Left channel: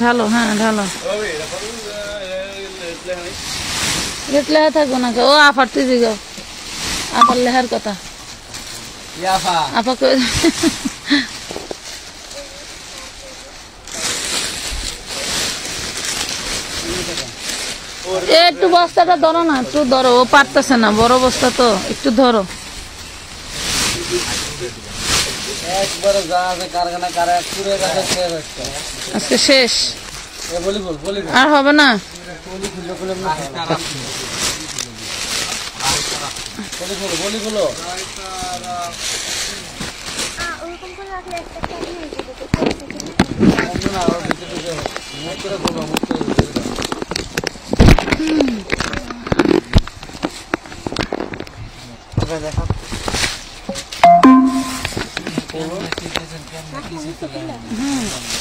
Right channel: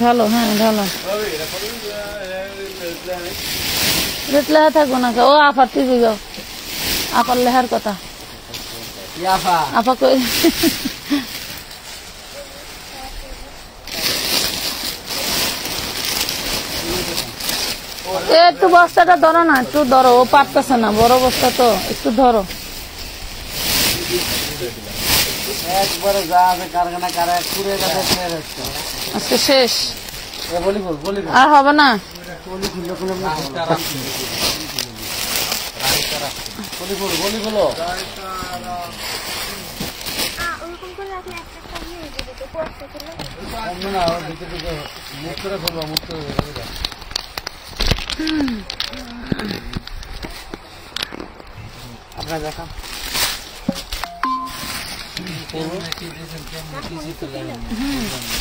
ঢালো, হ্যাঁ ঢালো। রেট লেখা থাকবো না, ও আপার তুই যাও, আপার লেহার কথা আপা করে একটু বস্তাটা ধরো না, একটু ধরো, ও পারতেছে না, বড় বস্তা তো, একটু ধরো। আজকে শেষ, আর হবে না।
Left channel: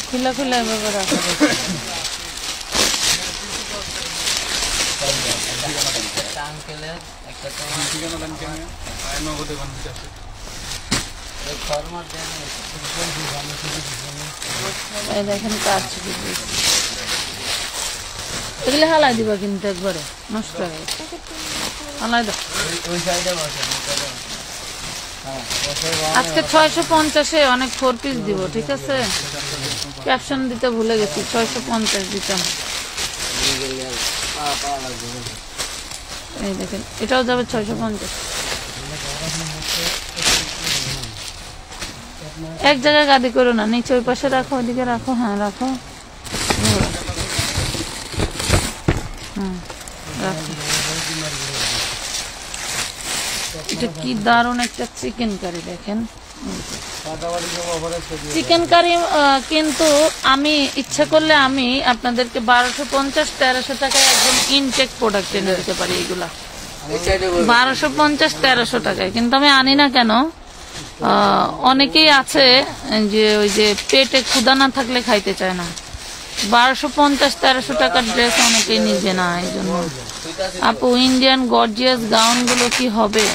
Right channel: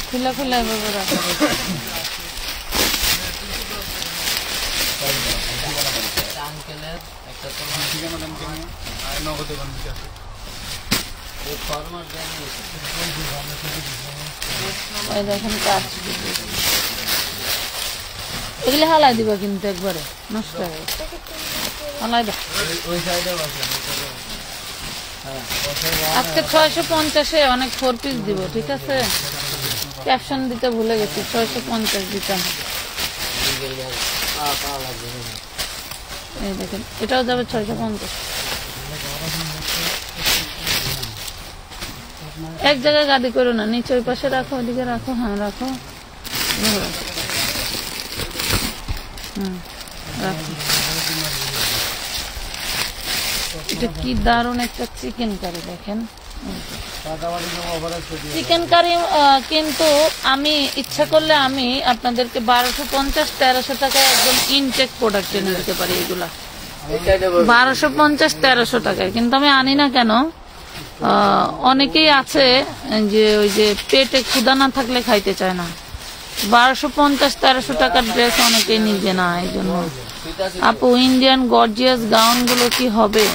খুলে খুলে এভাবে রাখা দেখেন কাজ, এগুলো হালাই দিবা কিন্তু একবারে নষ্ট হয়ে গেছে, হালাই দাও। আজকে 650-এ অনেক 4 পিস দিব, ঠিক আছে? ক্যাপশন দিতে ভুলে গেছি, 650 দিতাম। এই দেখেন, এটাও যাবে 650। এক জায়গায় গাদি করো না, নিচে ওই পাশে রাখো, ওদিকে রাখো, হ্যাঁ রাখো, হ্যাঁ রাখো। এটা কি দারুণ একটা চিকেন কারি, দেখেন চিকেন কারি। কিন্তু আমি ইচ্ছা করলে আমি আপনাদেরকে 1250-1300 টাকায় একদম ইনটেক প্রোডাক্ট এনে দিতে পারি। এগুলা 1250-1300 টাকায়, কিন্তু আমি আনি না কেন, অনেকেই আছে যে ওই যে পেটে ক্ষুধা না থাকলে খাইতে চায় না। 1250-1300 টাকার ড্রেস অনেকেই নিজে না, এই জন্য। আপু ইন্ডিয়ান গর্জিয়াস গাউন গুলো কি হবে?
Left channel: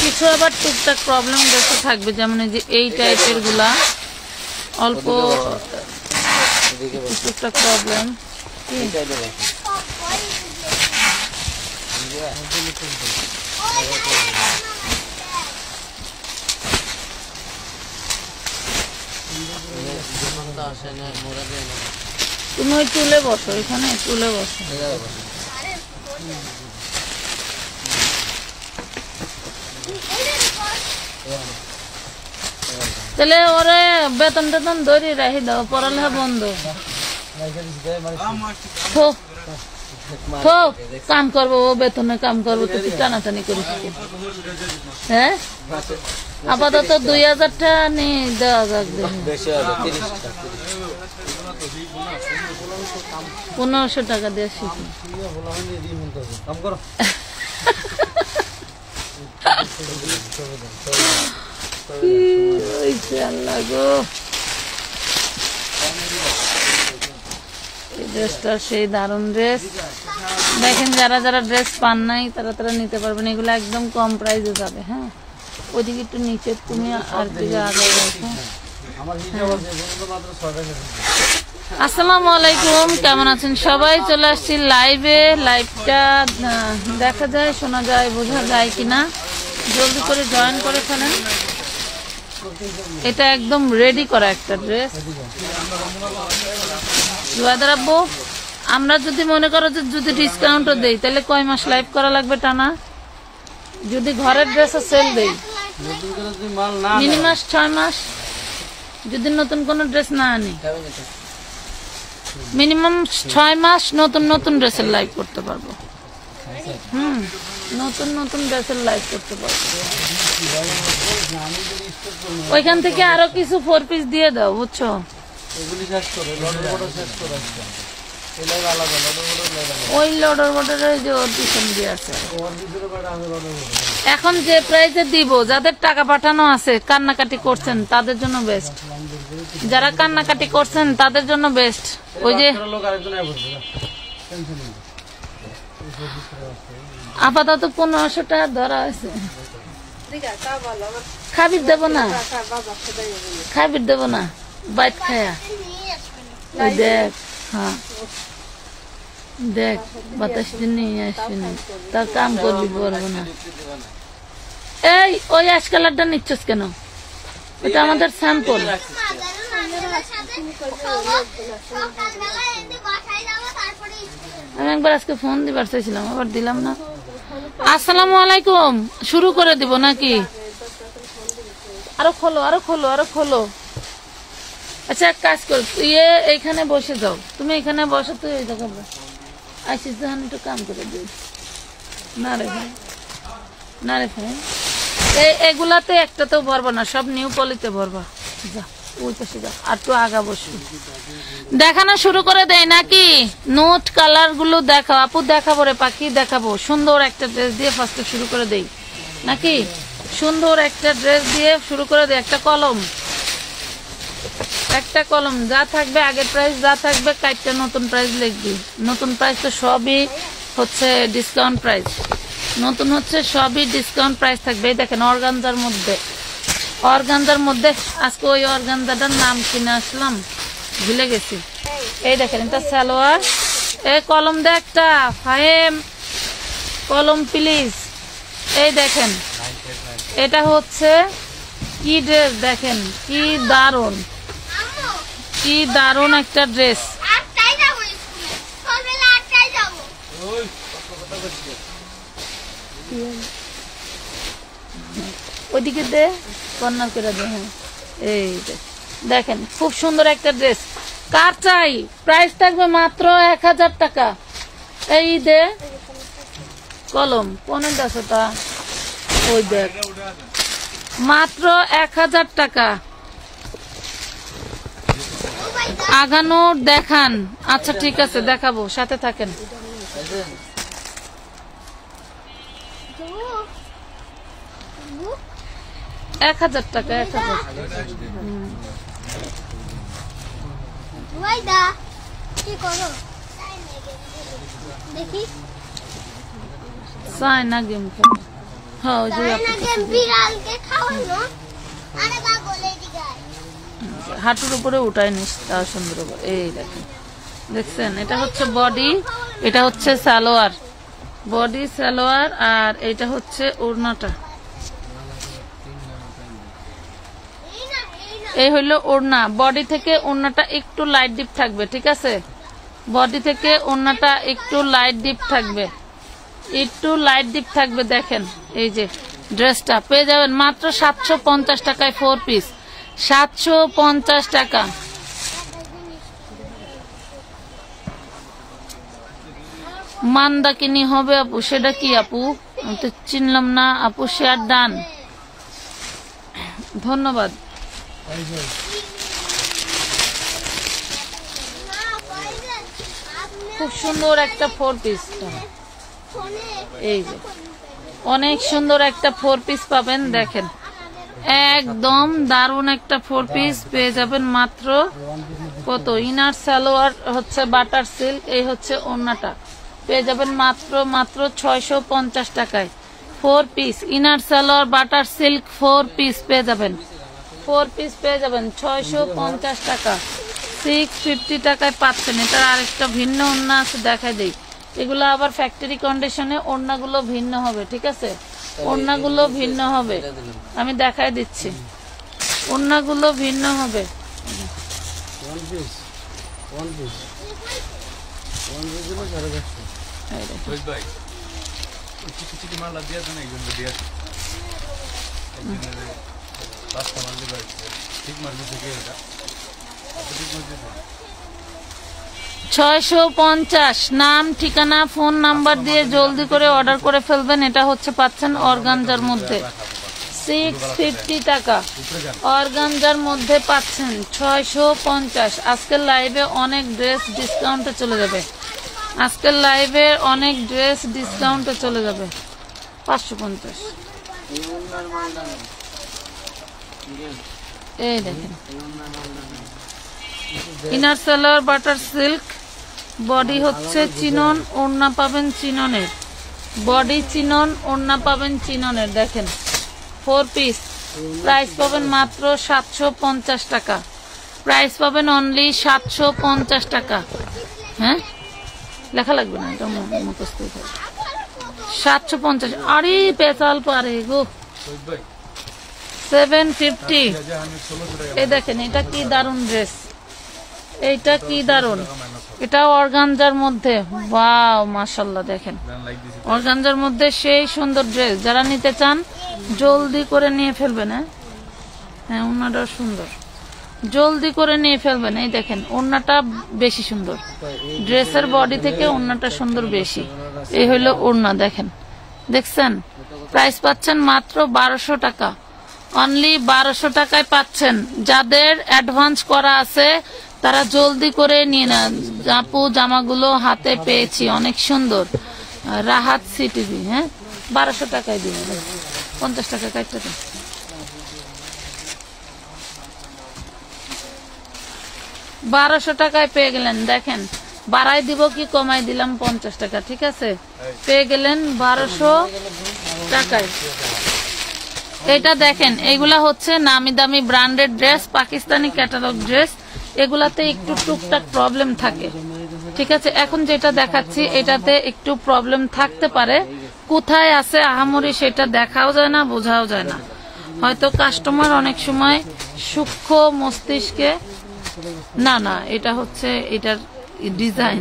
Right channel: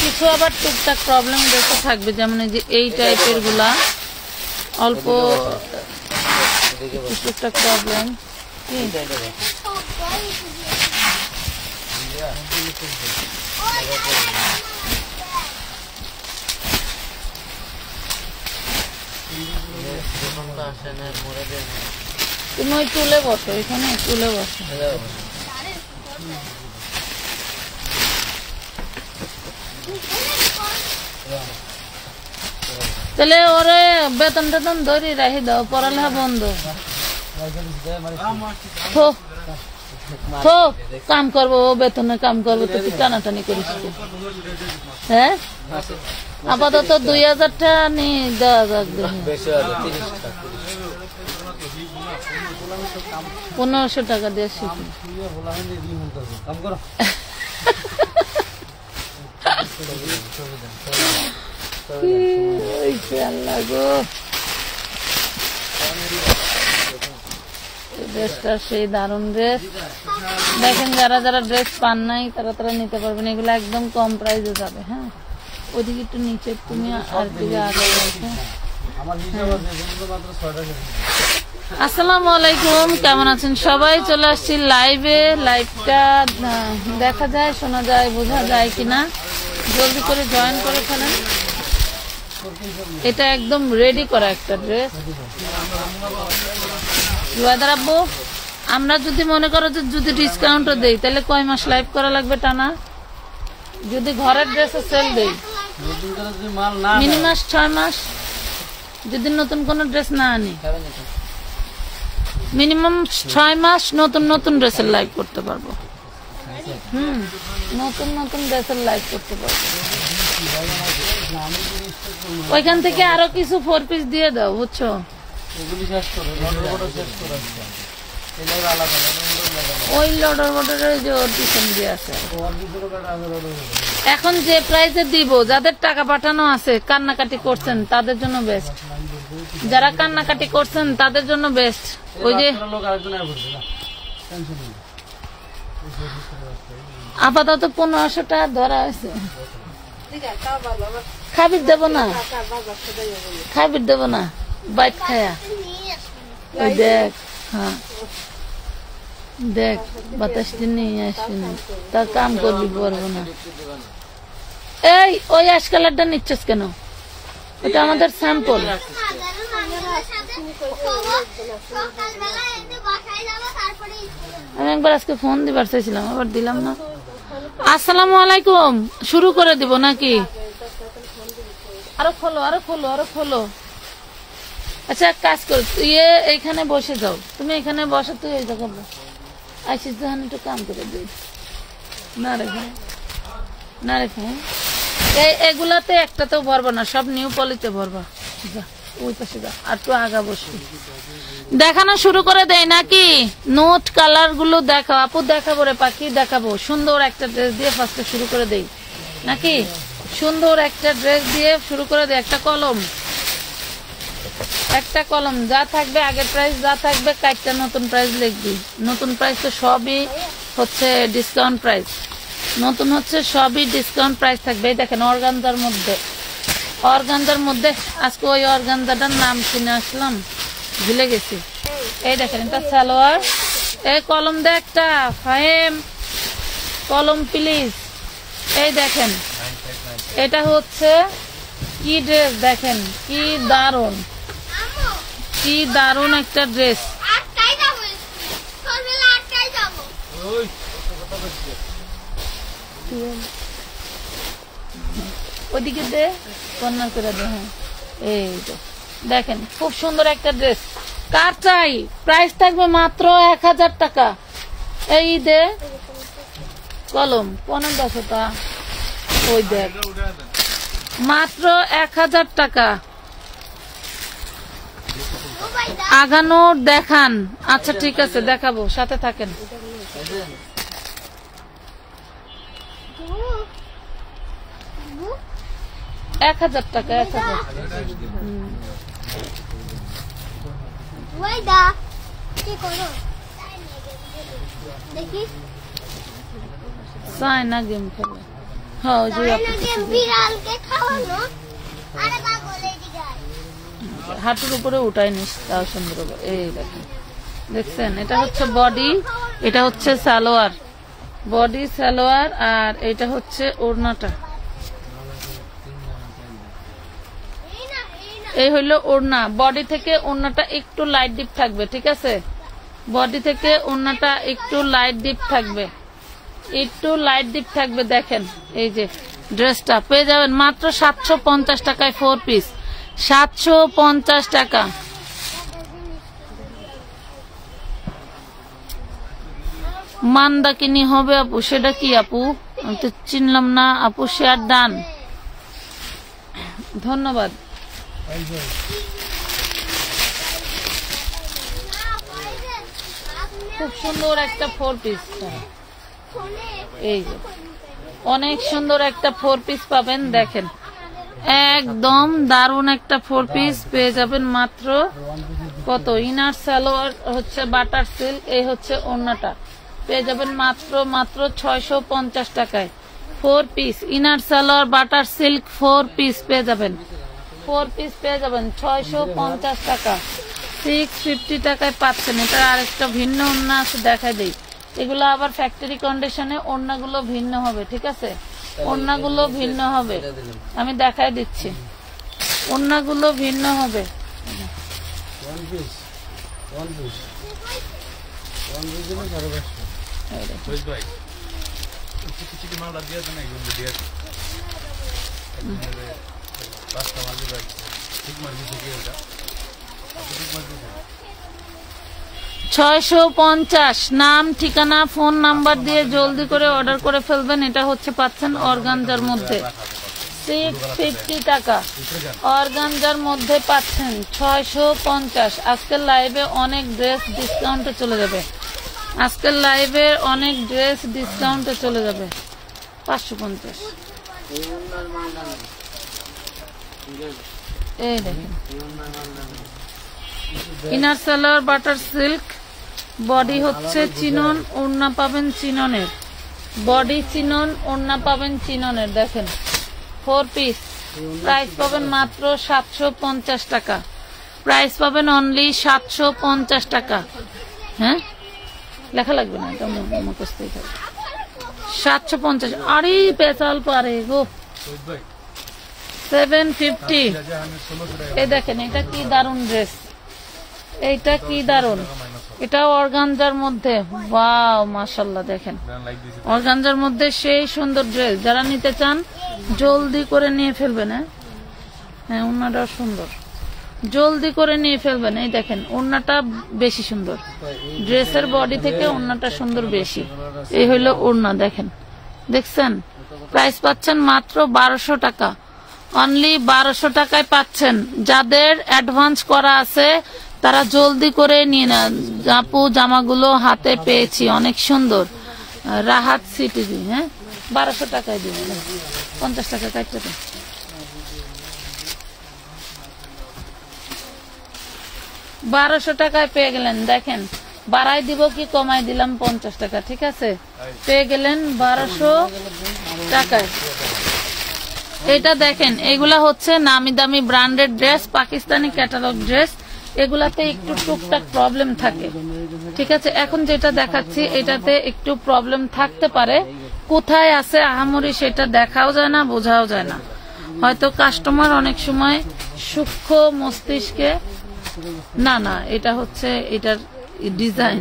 কিছু আবার টুকটাক প্রবলেম ড্রেসে থাকবে, যেমন এই যে এই টাইপের গুলা অল্প টুকটাক প্রবলেম। তুমি ওই চুলে বসো, এখানে চুলে বসো। তাহলে ওরে বেতন টেতন ধরি রাখি দাও, পড়ালেখা বন্ধ। কাম করবো, ও বেতনে কাম করবো, তো কি টানাটানি করিস? হ্যাঁ আপাতত 2000 টাকা নিয়ে দেওয়া যাক, 1500 টাকা দিয়ে শিখি। আল্লাহ গো, এই ড্রেসটা সেই দারুণ ড্রেস। দেখেন যারা যারা ড্রেস পান নাই তারা তারা নিতে পারবেন, এগুলো একদম কম প্রাইসে যাবে। হ্যাঁ ওদিকে একটু নিচে, তুমি আর দিকে আগে রাখো। আসসালামু আলাইকুম, কেমন আছেন সবাই? চলে আসছি লাইভে। লাইভটা দেখা যায়, শোনা যায়, বোঝা যায় কিনা, জলদি করে জয়েন করে ফেলেন। এটা একদম রেডি করা একটা ড্রেস। জুয়াদার আব্বু, আমরা যদি মনে করো যে যদি ডিসকাউন্টও দেই, তাহলে কয় মাস লাইভ করা লাগবে টানা? যদি ঘরের ড্রেসে সেল দেই মিনিমাম 6 মাস, যদি নতুন কোন ড্রেস না আনি মিনিমাম 6 মাস নতুন নতুন ড্রেসের লাইভ করতে পারবো। নতুন নতুন ড্রেসের লাইভ করতে পারবো। ওইখান থেকে আরো কিছু 4 পিস দিয়ে দাও, বুঝছো? ওই লডর বর্ডারের যে ওর পিছন দিয়ে আছে। এখন যে প্রাইসে দিব, যাদের টাকা পাঠানো আছে কান্নাকাটি করছেন তাদের জন্য বেস্ট, যারা কান্নাকাটি করছেন তাদের জন্য বেস্ট। ওই যে আপাতত 1500 টাকা ধরা হয়েছে। খাবির দেব না, খাবির দেব না, বাইট খায়া। ওই দেখ, হ্যাঁ দেখ বাতাস নিয়ে আসিনি, তার কাম করবি পারবো না। এই ওই অ্যাশ কালারটা নিচ্ছিস কেন? ওটা আমাদের স্যাম্পল। আমি একবার আজকে ফোন দিবার চাইছিলাম, আবার দিলাম না। আসসালামু আলাইকুম, শুরু করে দিব নাকি? আরো খোলো, আরো খোলো, আরো খোলো। আচ্ছা এক কাজ কর, তুই এইখানে বসে যাও, তুমি এখানে বসে, তুই ওই জায়গা আসিস যখন একটু কাম করে দিই। না রে ভাই, না রে ভাই, এগুলাতে একটাতেও ভরবা না, সব নিউ পলিতে ভরবা। যা ওই পাশে যা, আর একটু আগা বসবি। দেখানো শুরু করে দেয় নাকি? নোট কালার গুলো দেখাও আপু। দেখাবো রে পাখি, দেখাবো। সুন্দর একটা ড্রেস দিয়ে ফার্স্টে শুরু করে দেই নাকি? সুন্দর একটা ড্রেস দিয়ে শুরু করে দেই। একটা কলম, একটা কলম যা থাকবে আগের প্রাইস যা থাকবে কাইটটা নতুন প্রাইস লিখবি। নতুন প্রাইস তো সবই হচ্ছে ডিসকাউন্ট প্রাইস, নতুন হচ্ছে সবই ডিসকাউন্ট প্রাইস থাকবে। এই দেখেন অর্গানজার মধ্যে, অর্গানজার মধ্যে আজকে ওই অর্গানজাটার নাম কিনে আসলাম, ভুলে গেছি। এই দেখেন এটা সালোয়ার। এই কলম দে একটা, ফাহিম কলম প্লিজ। এই দেখেন এটা হচ্ছে কি ড্রেস, দেখেন কি দারুন, কি দারুন একটা ড্রেস। ওইদিকে দে, কর্নার করে দে। হ্যাঁ এই দেখেন খুব সুন্দর একটা ড্রেস। কার চাই? প্রাইস থাকবে মাত্র 1000 টাকা। এই দে কলম 1500টা, ওই দেখ মাত্র 1000 টাকা। আগানোর দেখান। আচ্ছা ঠিক আছে দেখাবো, সাথে থাকেন। 1000 টাকা, 1000। সাইনা গেম খেলে। হ্যাঁ হাঁটুর উপরে উঠাই নিস, তাও সুন্দর। এই দেখেন, দেখছেন এটা হচ্ছে বডি, এটা হচ্ছে সালোয়ার, বডি সালোয়ার, আর এটা হচ্ছে ওড়নাটা। এই হইলো ওড়না। বডি থেকে ওড়নাটা একটু লাইট ডিপ থাকবে, ঠিক আছে? বডি থেকে ওড়নাটা একটু লাইট ডিপ থাকবে, একটু লাইট ডিপ থাকবে। দেখেন এই যে ড্রেসটা পেয়ে যাবেন মাত্র 750 টাকায় 4 পিস, 750 টাকা। মান্দাকিনি হবে আপু, সেটা কি আপু? আমি তো চিনলাম না আপু। শেয়ার ডান, ধন্যবাদ। খুব সুন্দর একটা 4 পিস, এই যে অনেক সুন্দর একটা 4 পিস পাবেন। দেখেন একদম দারুন একটা 4 পিস পেয়ে যাবেন মাত্র কত? ইনার সালোয়ার হচ্ছে বাটার সিল্ক, এই হচ্ছে ওড়নাটা, পেয়ে যাবেন মাত্র 650 টাকায় 4 piece. Inner salwar butter silk 4 piece পেয়ে যাবেন, 4 পিস পেয়ে যাবেন 650 টাকা। 650 টাকায় পাচ্ছেন। এটার আরেকটা ভিন্ন ওড়না আছে, দেখাই দেই। এগুলো আবার ফ্যাক্টরি কন্ডিশনে, ওড়নাগুলো ভিন্ন হবে, ঠিক আছে? ওড়নাগুলো ভিন্ন হবে, আমি দেখাই দিচ্ছি। ওড়নাগুলো ভিন্ন হবে। $650। নাম, ঠিকানা, ফোন নাম্বার দিয়ে জলদি করে অর্ডার করে ফেলবেন। এটা হচ্ছে পাচ্ছেন অর্গানজার মধ্যে 650 টাকা। অর্গানজার মধ্যে পাচ্ছেন 650। আজকের লাইভে অনেক ড্রেস ডিসকাউন্টে চলে যাবে। আজকের লাইভে অনেক ড্রেস ডিসকাউন্টে চলে যাবে। 550। এই দেখেন inner salwar butter silk, body হচ্ছে চিনন, ওড়না পাবেন চিননের, বডি চিনন, ওড়না পাবেন চিননের। দেখেন 4 পিস, প্রাইস পাবেন মাত্র 750 টাকা। প্রাইস পাবেন অনলি 750 টাকা। হ্যাঁ লেখা লাগবে না, এটা মুখস্থ 750। আরে পেছাল পারে গো। 750। এই দেখেন এটা কি দারুন ড্রেস, এইটা কি দারুন, এটা অর্গানজার মধ্যে। ওয়াও মাশাআল্লাহ, দেখেন অর্গানজার মধ্যে সেই সুন্দর ড্রেস। যারা নিতে চান জলদি করে নিয়ে ফেলবেন। হ্যাঁ ওড়নাটা সুন্দর, জলদি করে নিয়ে ফেলবেন। এই দেখেন ওড়নাটা বেশি সুন্দর, ড্রেসের বডি থেকে ওড়নাটা সুন্দর বেশি। এই হইলো ওড়না, দেখেন দেখছেন। প্রাইস পাচ্ছেন মাত্র 1200 টাকা। অনলি 1200 টাকায় পাচ্ছেন। যাদের অ্যাডভান্স করা আছে তারা জলদি করে নিয়ে নেন। আপু জামাগুলো হাতে পেয়েছি, অনেক সুন্দর। রাহাত সিটিভি। হ্যাঁ 1200 টাকায় দিবেন, 50 টাকা কাটতে দেন। 1200 টাকায় পেয়ে গেলেন। দেখেন বাড়াই দিব কি কমাই দিলাম 50 টাকা, ঠিক আছে। পেয়ে গেলেন 1200 টাকায়। এটা দেখেন এগুলা হচ্ছে নামি দামি branded dress, Pakistani catalogue dress. এগুলাতে একটু টুকটাক প্রবলেম থাকে, ঠিক আছে। এখন যেটা দেখাচ্ছি এটাতে একটু প্রবলেম থাকতে পারে, কোথায় আছে আহামরি সেটা দেখাও যায় না, বোঝাও যায় না। হয়তো কাস্টমার অনেক সময় সূক্ষ্ম মস্তিষ্কে না না এটা হচ্ছে এটার ডিজাইন,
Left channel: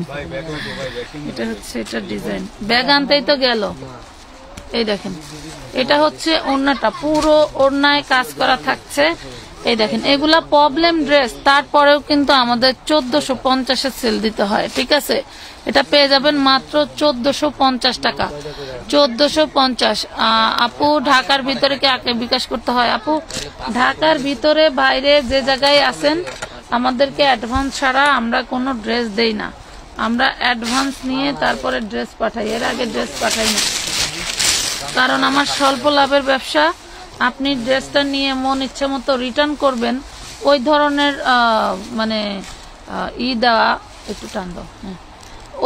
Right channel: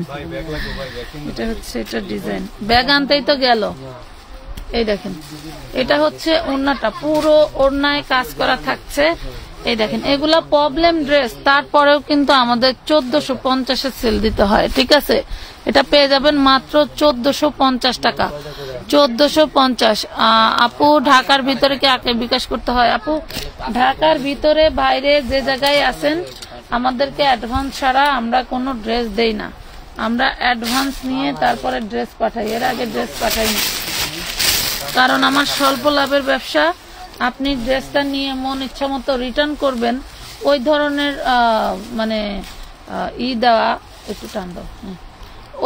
এটা হচ্ছে এটার ডিজাইন। ব্যাগ আনতেই তো গেল। এই দেখেন এটা হচ্ছে ওড়নাটা, পুরো ওড়নায় কাজ করা থাকছে। এই দেখেন এগুলা প্রবলেম ড্রেস, তারপরেও কিন্তু আমাদের 1450 সেল দিতে হয়, ঠিক আছে। এটা পেয়ে যাবেন মাত্র 1450 টাকা। 1450। আপু ঢাকার ভিতরে কি আগে বিকাশ করতে হয়? আপু ঢাকার ভিতরে বাইরে যে জায়গায় আছেন আমাদেরকে অ্যাডভান্স ছাড়া আমরা কোনো ড্রেস দেই না। আমরা অ্যাডভান্স নিয়ে তারপরে ড্রেস পাঠাই, এর আগে ড্রেস পাঠাই না। কারণ আমার স্বল্প লাভের ব্যবসা। আপনি ড্রেসটা নিয়ে মন ইচ্ছা মতো রিটার্ন করবেন, ওই ধরনের মানে দেওয়া একটু টান দাও,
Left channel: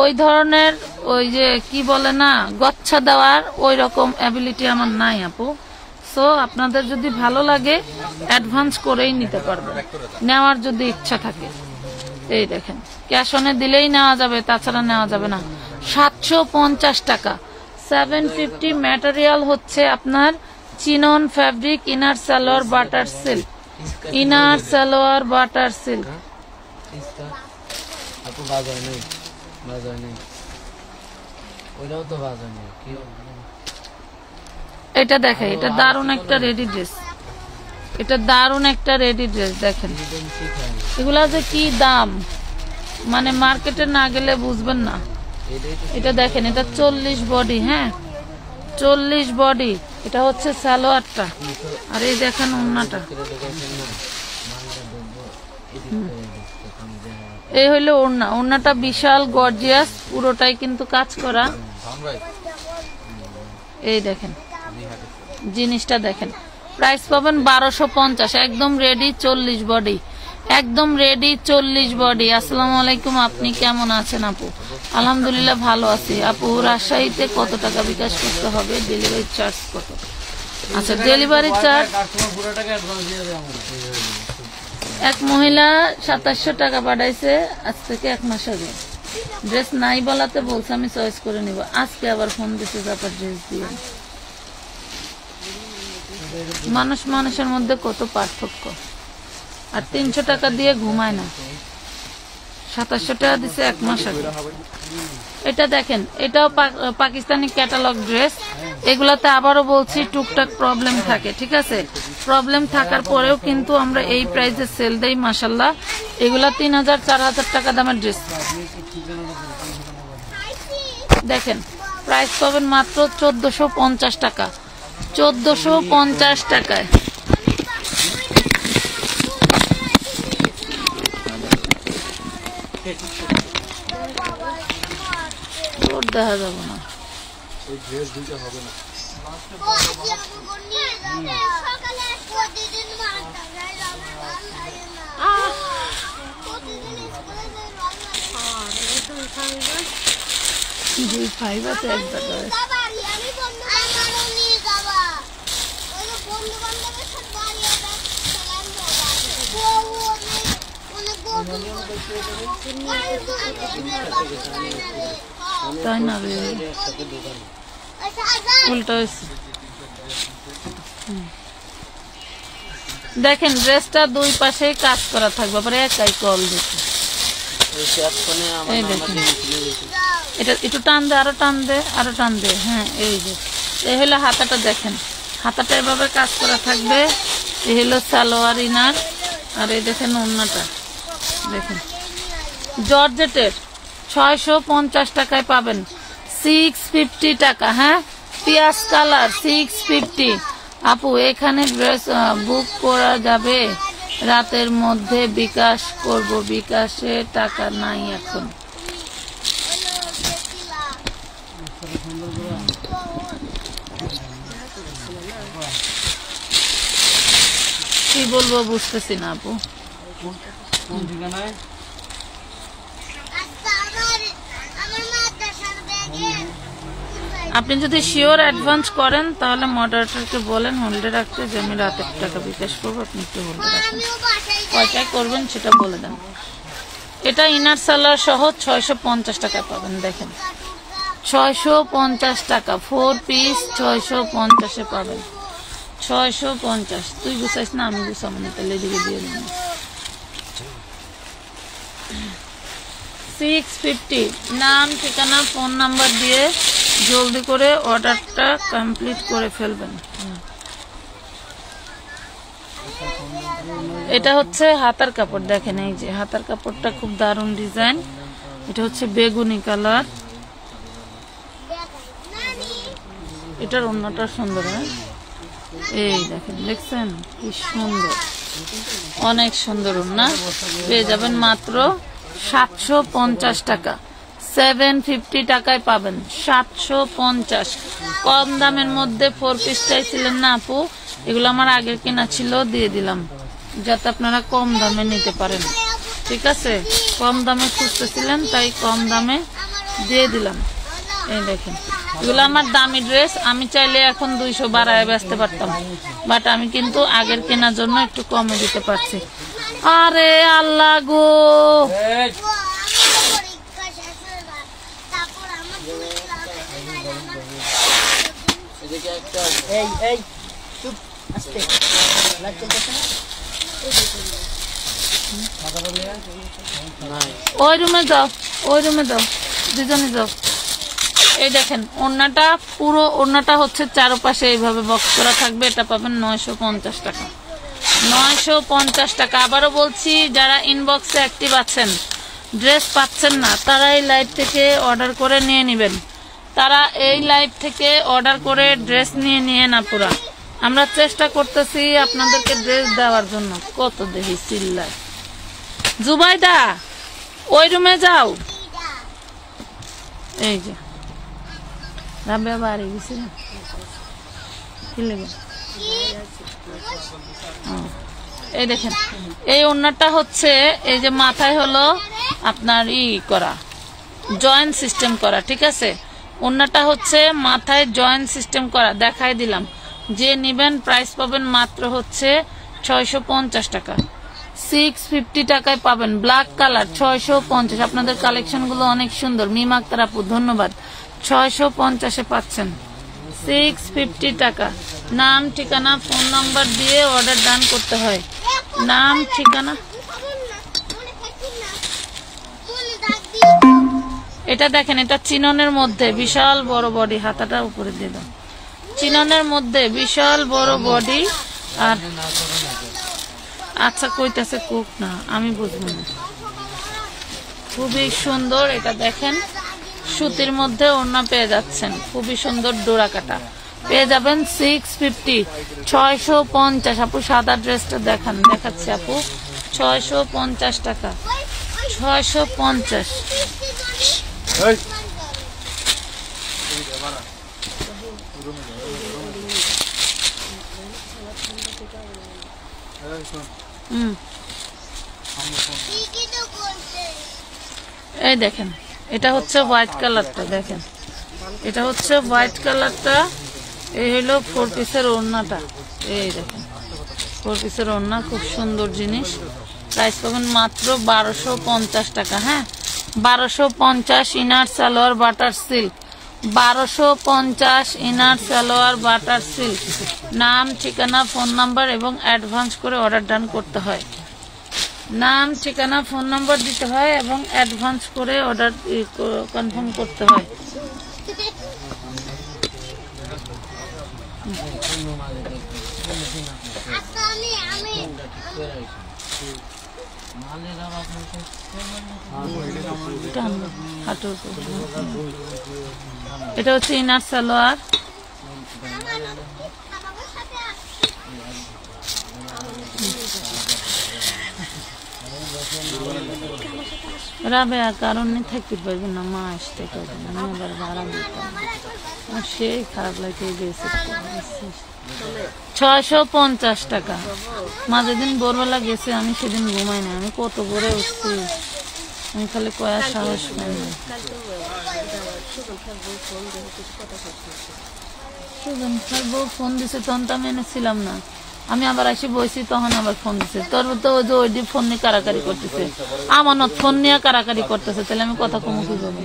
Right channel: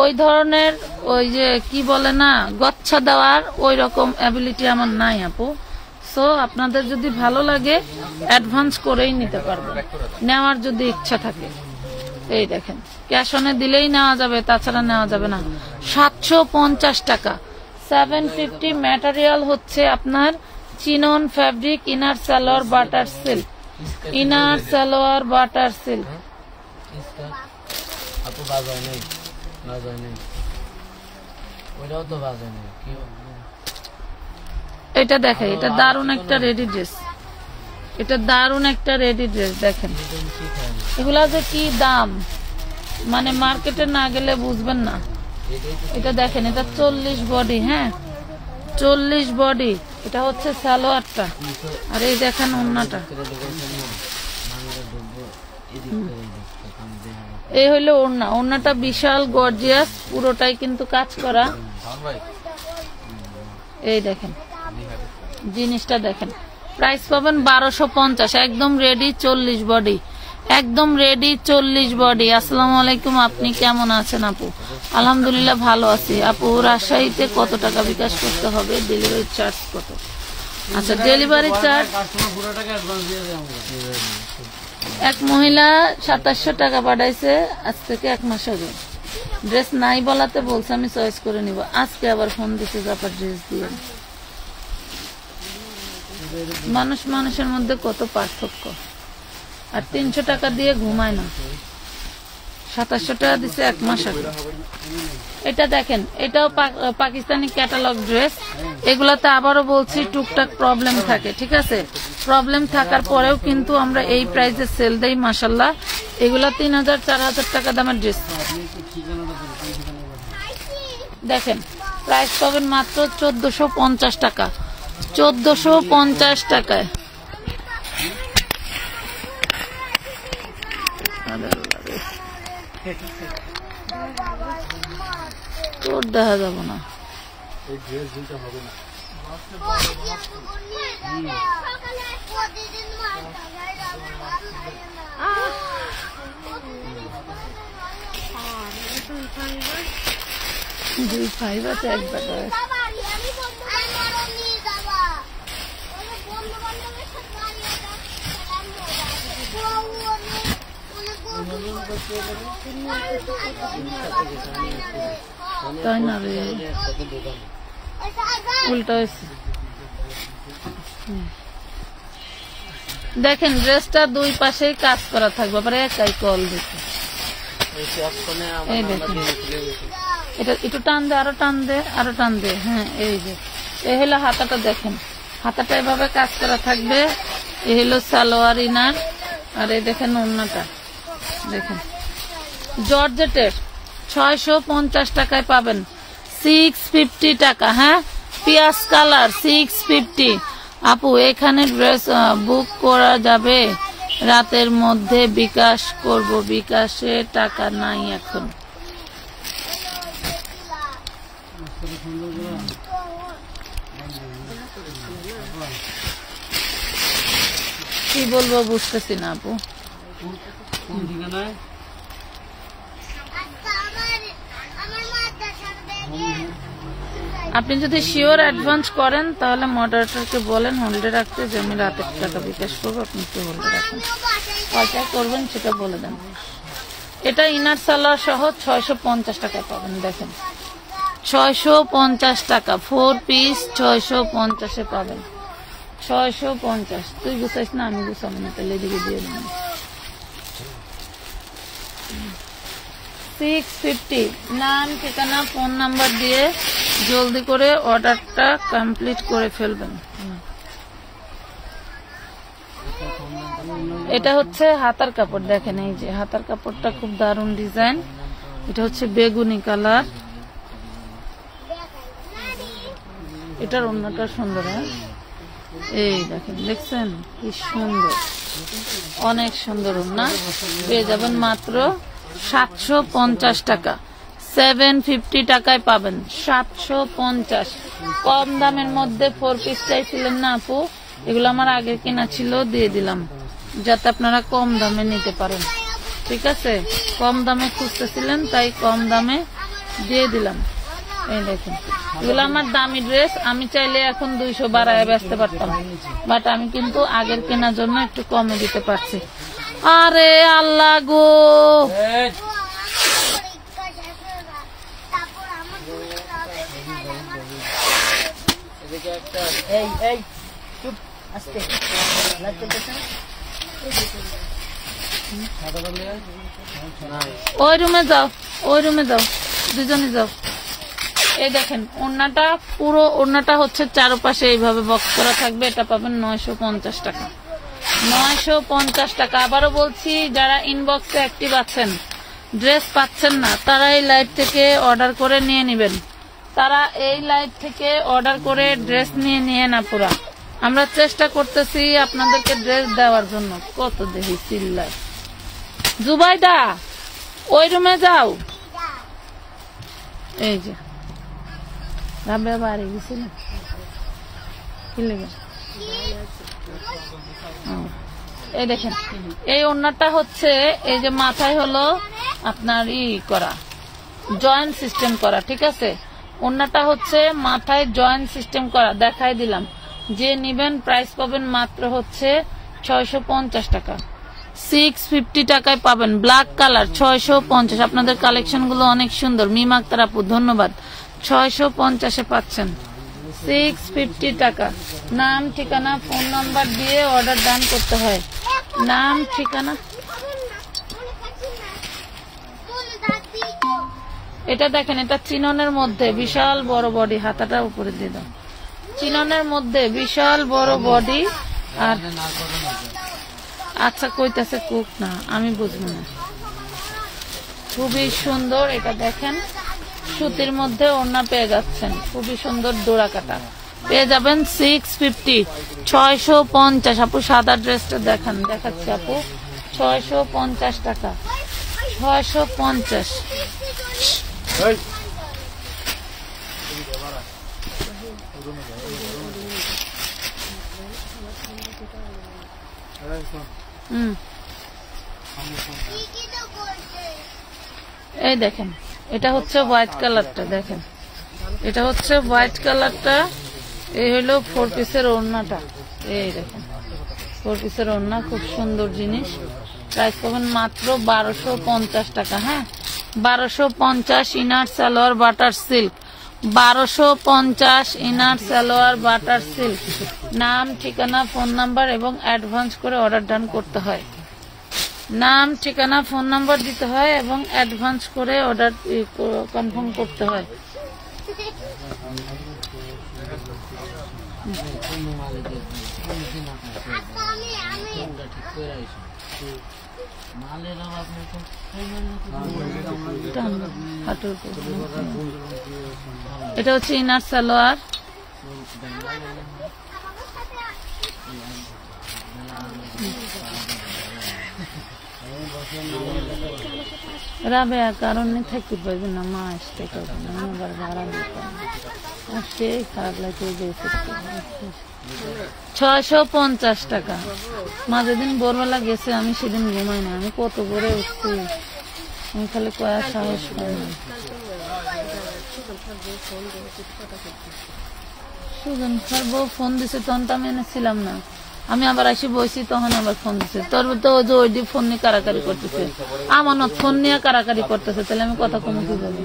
ওই ধরনের ওই যে কি বলে না গচ্ছা দেওয়ার ওই রকম অ্যাবিলিটি আমার নাই আপু। সো আপনাদের যদি ভালো লাগে অ্যাডভান্স করেই নিতে পারবেন, নেওয়ার যদি ইচ্ছা থাকে। এই দেখেন ক্যাশ অনে দিলেই নেওয়া যাবে, তাছাড়া নেওয়া যাবে না। 750 টাকা। 750। ম্যাটেরিয়াল হচ্ছে আপনার chinon fabric, inner salwar butter silk, inner salwar butter silk. এটা দেখেন এটা দারুণ একটা রেডি ড্রেস, এটা দারুণ একটা রেডি ড্রেস। দেখেন এগুলা যে কি দাম, মানে মার্কেটে না গেলে বুঝবেন না। এটা দেখেন এটা 40 বডি। হ্যাঁ 40 বডি। এটা হচ্ছে সালোয়ারটা, আর এই দেখেন ওড়নাটা। এই হইলো ওড়না, ওড়নাটা বিশাল গর্জিয়াস, পুরোটাই কিন্তু কাজ করা। এই দেখেন জিনিসটা দেখেন। প্রাইস পাবেন 1250। একদম রেডি 40 বডি, একদম রেডি 40 বডি। আসসালামু আলাইকুম, আপনি কেমন আছেন আপু? আলহামদুলিল্লাহ ভালো আছি। আপু রাজশাহীতে কত টাকা বিকাশ করতে হবে? ডেলিভারি চার্জ কত? আচ্ছা ডেলিভারি চার্জ এক মহিলা 2700 টাকা পাঠাইছে আজ থেকে 1 মাস আগে। ড্রেস নাই বলাতে বলছে আমি চয়েস করে নিব। আজকে আবার ফোন দিতে যাবার ড্রেস দিয়ে। মানুষ মানুষের মধ্যে কত পার্থক্য। আর 300 টাকা দিয়ে ঘুমায় না, 2700 টাকা দিচ্ছে 1 মাস আগে। এটা দেখেন এটাও পাকিস্তানি ক্যাটালগ ড্রেস। এগুলাতে আবারও বলছি টুকটাক প্রবলেম থাকে, ঠিক আছে। প্রবলেম থাকার পরেও কিন্তু আমরা এই প্রাইসে সেল দেই মাশাল্লাহ। এগুলা 3000-4000 টাকা দামের ড্রেস। দেখেন প্রাইস পাবেন মাত্র 1450 টাকা। 1450 টাকায়। দেখা যাবে না, দুই ফাইভ আছে এক টাকায়। তাই না রে, উল্টা হয়েছে। দেখেন ড্রেসটা দুই পাশেই কাজ করা থাকবে, আবার একাই কল দিতে। এই দেখেন, এটা একটু টান দে, আরো টান দে, আরো টান দে। হ্যাঁ, এই যে এই হলো হাতাটা। দেখেন হাতাটা এভাবে কাজ করা থাকবে। এই হলো সালোয়ার ইনার, আর এই দেখেন ওড়নাটা। দেখেন জর্জেটের 650 টাকায় পাবেন। 650 টাকা। হ্যাঁ, পিয়াজ কালার 650। আপু এখানে ড্রেস বুক করা যাবে রাতের মধ্যে? বিকাশ করব, বিকাশে টাকা নাই এখন। কি বলবো বুঝতেছি না আপু। আপনি যদি শিওর অ্যাডভান্স করেন তাহলে মডারেটরকে বলেন হোল্ডে রাখতে, যে আমি রাতের টাকা বিকাশ করবো, আপনি একটু হোল্ডে রাখেন। কয়টায় করবেন সেটা বলে দেন। এটা ইনার সালোয়ার সহ 650 টাকায় পাবেন। দেখেন 650 টাকা, 4 পিস 650-এ পাবেন। 650। তুই গুছাইস না, আমি গুছাবো না, তাহলে এদিকে দিয়ে দেবেন। 650। নাম, ঠিকানা, ফোন নাম্বার দিয়ে জলদি করে অর্ডারটা কমপ্লিট করে ফেলবেন। এটা হচ্ছে হাতার কাপড়। দেখেন এই যে হাতার কাপড়টা খুব দারুণ ডিজাইন। এটা হচ্ছে বেগুনি কালার। এটার ওড়নাটা সুন্দর। হ্যাঁ, এই দেখেন, দেখছেন কি সুন্দর, অনেক সুন্দর ওড়না। পেয়ে যাবেন মাত্র 750 টাকা। 750 টাকায় পাবেন। 750। কম দামের মধ্যে 4 পিস চাইছিলেন না আপু, এগুলো আমার আগের কেনা ছিল, দিয়ে দিলাম যাতে আপনারা কম দামে নিতে পারেন। ঠিক আছে, কম দামে খুঁজতেছিলেন তাই কম দামে দিয়ে দিলাম। এই দেখেন এগুলো আমার দামি ড্রেস, আমি চাইলে এখন 200 বাড়ায় বেচতে পারতাম, বাট আমি কিন্তু আগের কেনার জন্য একটু কমে দিতে পারছি। আরে আল্লাহ গো, ওই রুমে যাও, ওই রুমে যাও, দুজনে যাও। এই দেখেন ওড়নাটা, পুরো ওড়নাটা হচ্ছে চারপাশে এইভাবে বক্স করা থাকবে। এটা পাবেন 950 টাকা। 950 টাকা। আবারও বলছি, যারা ইনবক্সে অ্যাক্টিভ আছেন, ড্রেস পাচ্ছেন না, তারা এই লাইভ থেকে অর্ডার করে নিয়ে নেবেন। তারা এই লাইভ থেকে অর্ডার করে ড্রেস নিয়ে না পুরা। আমরা চেষ্টা করতেছি আপনাদেরকে ড্রেস দেওয়ার জন্য। কত দেখি চিল্লায়। জুবাইদা ওই রুমে যাও। এই যে রাবে বাড়ি গেছিল, কি লেগে। এই দেখেন এই ওড়নাটা হচ্ছে, এই যে মাথায় হলো আপনার করা, জয়েন্ট সিস্টেম করা। ঠিক আছে, ওড়নাটা হচ্ছে মাথায় জয়েন্ট সিস্টেম করা। দেখাই দিলাম। যে নিবেন প্রাইস পাবেন মাত্র হচ্ছে 650 টাকা। 650 টাকায় পাবেন। Black colour 650। আপনাদের কালেকশন গুলো অনেক সুন্দর। মিম আক্তার আপু ধন্যবাদ। 650-এ পাচ্ছেন। 650 টাকা। নাম, ঠিকানা, ফোন নাম্বার দিয়ে অর্ডার ডান করতে হয়। নাম, ঠিকানা। এটা দেখেন, এটা চিননের মধ্যে বিশাল বড় বডি। হাতাটা উপরে দিয়ে দাও। চিননের মধ্যে বিশাল বড় বডি। আর আচ্ছা কইতাছে কুক না, আমি বুঝবো না। খুবই সুন্দর। এটা দেখেন সুতির মধ্যে ওড়না পেয়ে যাচ্ছেন, খুবই সুন্দর ডোরা কাটা। পেয়ে যাবেন 650, 650। আপু সাদা ড্রেসটা দেখাচ্ছি আপু, 650 টাকা, 650। এই দেখেন, এটা হচ্ছে হোয়াইট কালারটা, দেখেন এটা হচ্ছে হোয়াইট কালারটা। এই হলো 4 পিসের ওড়নাটা, এই দেখেন 4 পিসের ওড়না, খুব সুন্দর জিনিস। প্রাইস পাবেন মাত্র 1250 টাকা। হ্যাঁ, 1250। Inner salwar butter silk, 1250 inner salwar butter silk. নাম, ঠিকানা, ফোন নাম্বার এবং অ্যাডভান্স করে অর্ডার ডান করতে হয়। নাম, ঠিকানা, ফোন নাম্বার দিতে হয় এবং অ্যাডভান্স করে অর্ডার কনফার্ম করতে হয়। এটা হচ্ছে ইনার সালোয়ার, রাবেয়া কারণ থাকতে পারবে না, মা আসতে পারবে না, আমি আবার ভাড়া দিতাম, সেই খারাপ লাগে। 650 টাকা। মা যেদিন ভোরবেলা গেছে আমি সেদিন ঘুমাই না, আমি কত ভোরে উঠছি, আমি খালি কয়ার সাহস পাই না। সুজন স্যার বউ ফোন দিছে, তখন তো আমি এনেছিলাম না, আমি আবার আসি বইছি, তখন আবার ফোন দিছে। তোর তো ওই যে ফোন নিয়ে কারাকারি করতেছে, আমানত ফোন নিয়ে কারাকারি করতেছে, তাহলে আমি কথা কমু কিভাবে?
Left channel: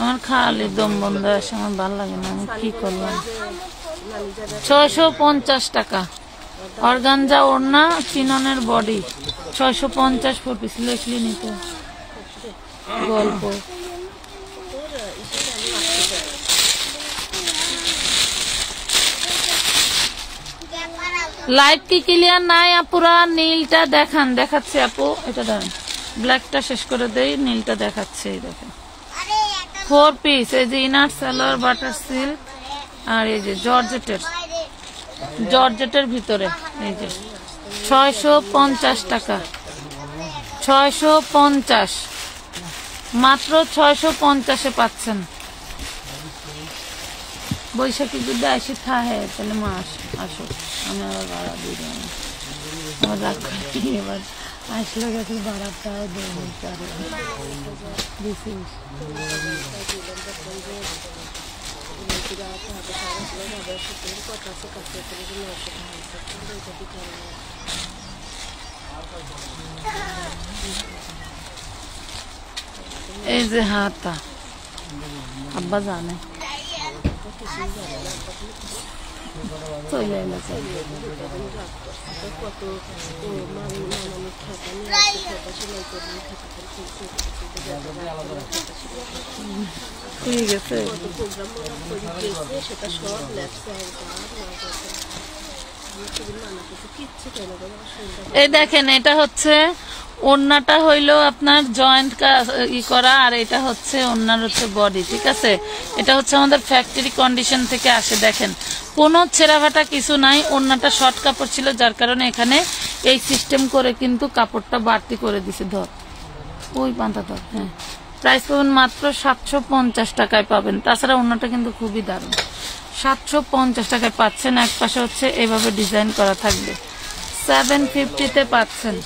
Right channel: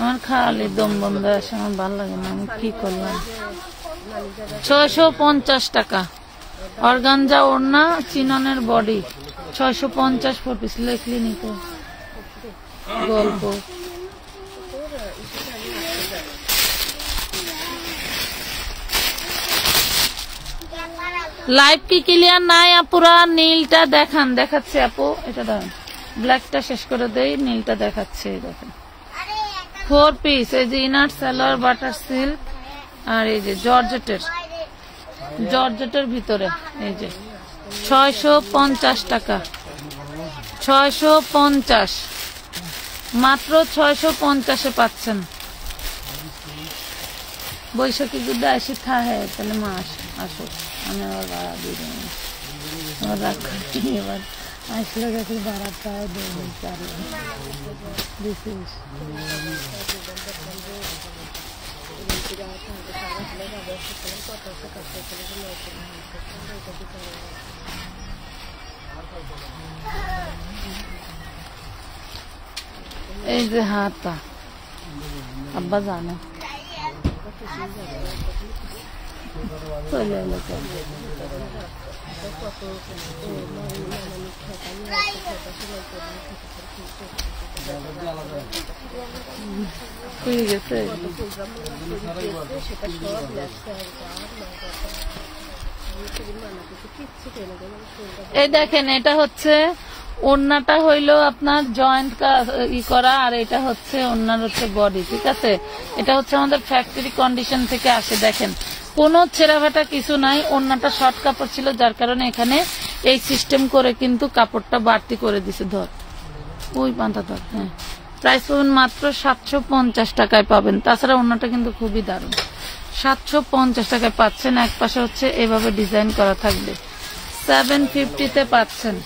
আমার খালি দম বন্ধ আসে, আমার ভালো লাগে না, আমি কি করলাম। 650 টাকা। অর্গানজা ওড়না, চিননের বডি, 650 4 পিস। লেখলি নিতে গল্প। লাইট কি ক্লিয়ার নাই আপুরা? নীলটা দেখাচ্ছে আপু, এটা দেখেন, ব্ল্যাকটা শেষ করে দেই, নীলটা দেখাচ্ছে। দেখেন 4 পিস, এই যে ইনার সালোয়ার বাটার সিল্ক, আর এই যে জর্জেটের ভিতরে, এই যে 650 টাকা, 650, মাত্র 650-এ পাচ্ছেন। বৈশাখী যদি আসি থাকে তাহলে মা আসো, আমি আবার ভাড়া দিয়ে দেবো, আমার রাগ করছি। এবার আসলে গেছে ভাড়াটাও দেবো, এই যে হাতা আব্বা জানে চলে এলো। গেছে এই দেখেন, এটা হচ্ছে ওড়নাটা হইলো আপনার জয়েন্ট করা, আর এটা হচ্ছে ওড়নার হচ্ছে বডি, ঠিক আছে। এটা হচ্ছে আমাদের ফ্যাক্টরি কন্ডিশন থেকে আসে। দেখেন কোনো ছেঁড়াফাটা কিছু নাই, ওড়নাটা শর্ট কাপড় ছিল, যার কারণে এখানে এই সিস্টেম করে কিন্তু কাপড়টা বাড়তি করে দিছে। ধর ওই পান্তা ধর। হ্যাঁ, প্রাইস পাবেন মাত্র 750 টাকায় পাবেন। তাছাড়া ওড়নাটা কিন্তু খুবই দারুণ, 750 টাকায় পাচ্ছেন। এক পাশে হচ্ছে এভাবে ডিজাইন করা থাকবে, 750-তে পাচ্ছেন।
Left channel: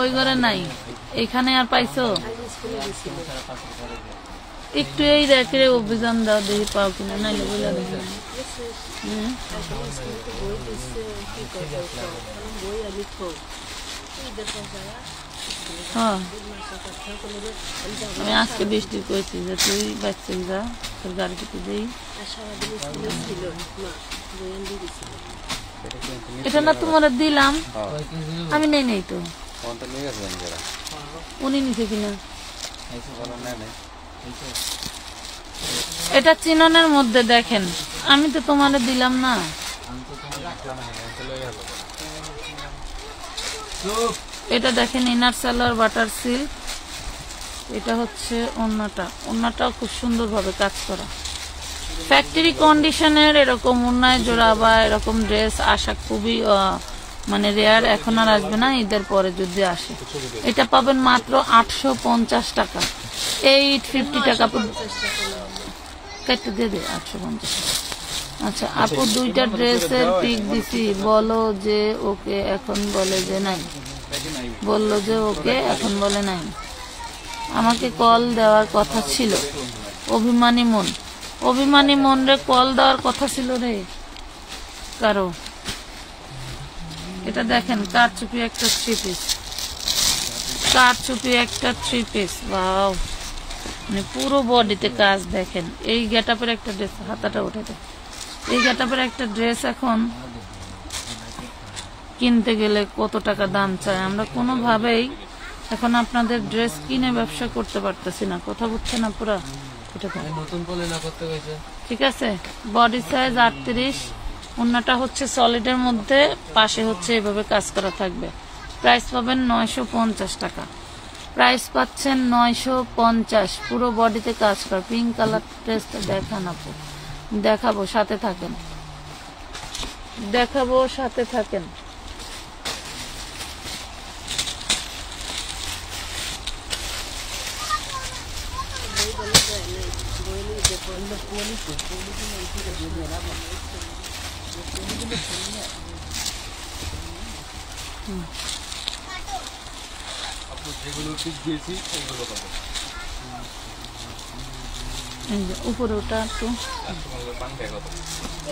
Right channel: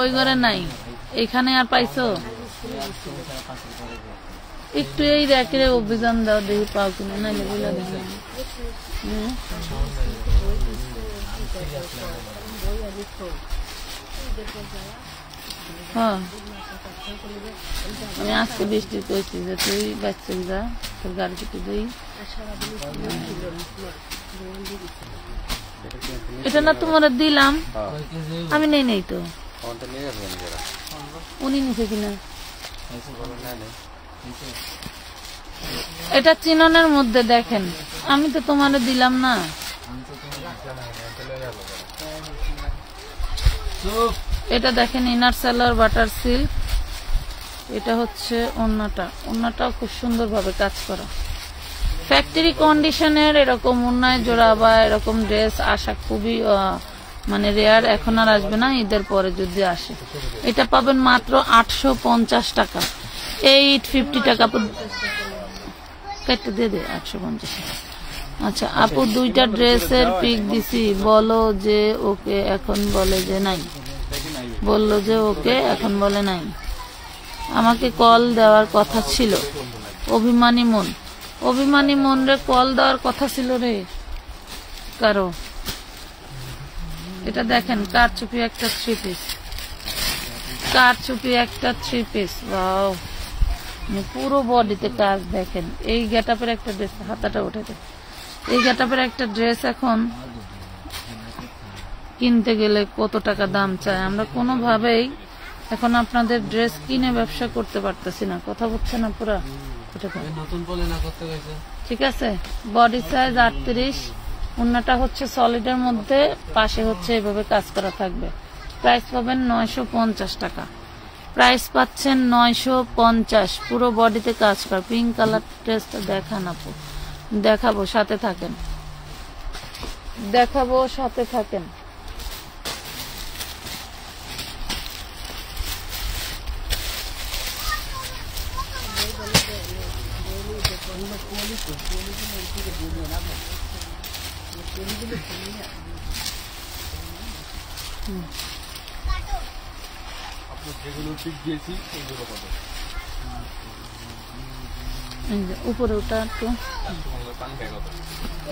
ওই ঘরে নাই, এইখানে আর পাইছো? একটু এই র্যাকের অভিযান দাও, দেখি পাও কিনা, নাইলে বলে দেখি। হ্যাঁ, আমি আজকে বৃষ্টি করেছি যে তুই বাচ্চা যা, তোর গাড়ি থেকে দিই। এটা না তোমার দিলাম, আমি নেই তো, উনি নিছে কিনা। এটা চিননের মধ্যে দেখেন, আমি তো তোমার দিলাম না। এটা দেখেন ইনার সালোয়ার বাটার সিল্ক, এটা হচ্ছে ওন্নাটাও খুব সুন্দর ভাবে কাজ করা, ফ্যাক্টরি কন্ডিশনের। এরকম ওন্নায় জোড়া বা এরকম ড্রেস আসা খুবই মানে রেয়ার, এখন আর আসবে না, ঈদের পরে যদি আসে। এটা পাবেন মাত্র 850 টাকা, 850 টাকা দিয়ে দে 850। আচ্ছা আপু, দুইটা ড্রেসের পিক দিছি, বলো যে ওকে, এখন বলে যে নাই, বললো যে ওকে, এখন বলে নাই। আমাকে কল দেওয়ার কথা ছিল, অভিমানী মন রে কল দেওয়ার কথা ছিল রে কারো। এটা দেখেন কারচুপি একটা থ্রি পিস, ওয়াও, মানে পুরো বডিতে কাজ। দেখেন এই গেটআপের একটা ড্রেস, হাতাটা উঠে দেয়, এই গেটআপের একটা ড্রেস এখন কিনতে গেলে কত টাকা দাম চায়। আমরা কোনোভাবেই এখন আপনাদের ড্রেস কিনে ব্যবসা করতে পারতেছি না, কথা বুঝছেন না পুরা। ঠিক আছে, বডি সাইজ 38, ওন্নাটা হচ্ছে সলিডের মধ্যে, পাশে হচ্ছে এভাবে কাজ করা থাকবে। প্রাইস পাবেন 950 টাকা, প্রাইস পাচ্ছেন 950, পুরো বডিতে কাজ করা। পিঙ্ক কালার ড্রেসটা দেখান আপু, দেখাবো, সাথে থাকেন। উপরে ওটা একটু,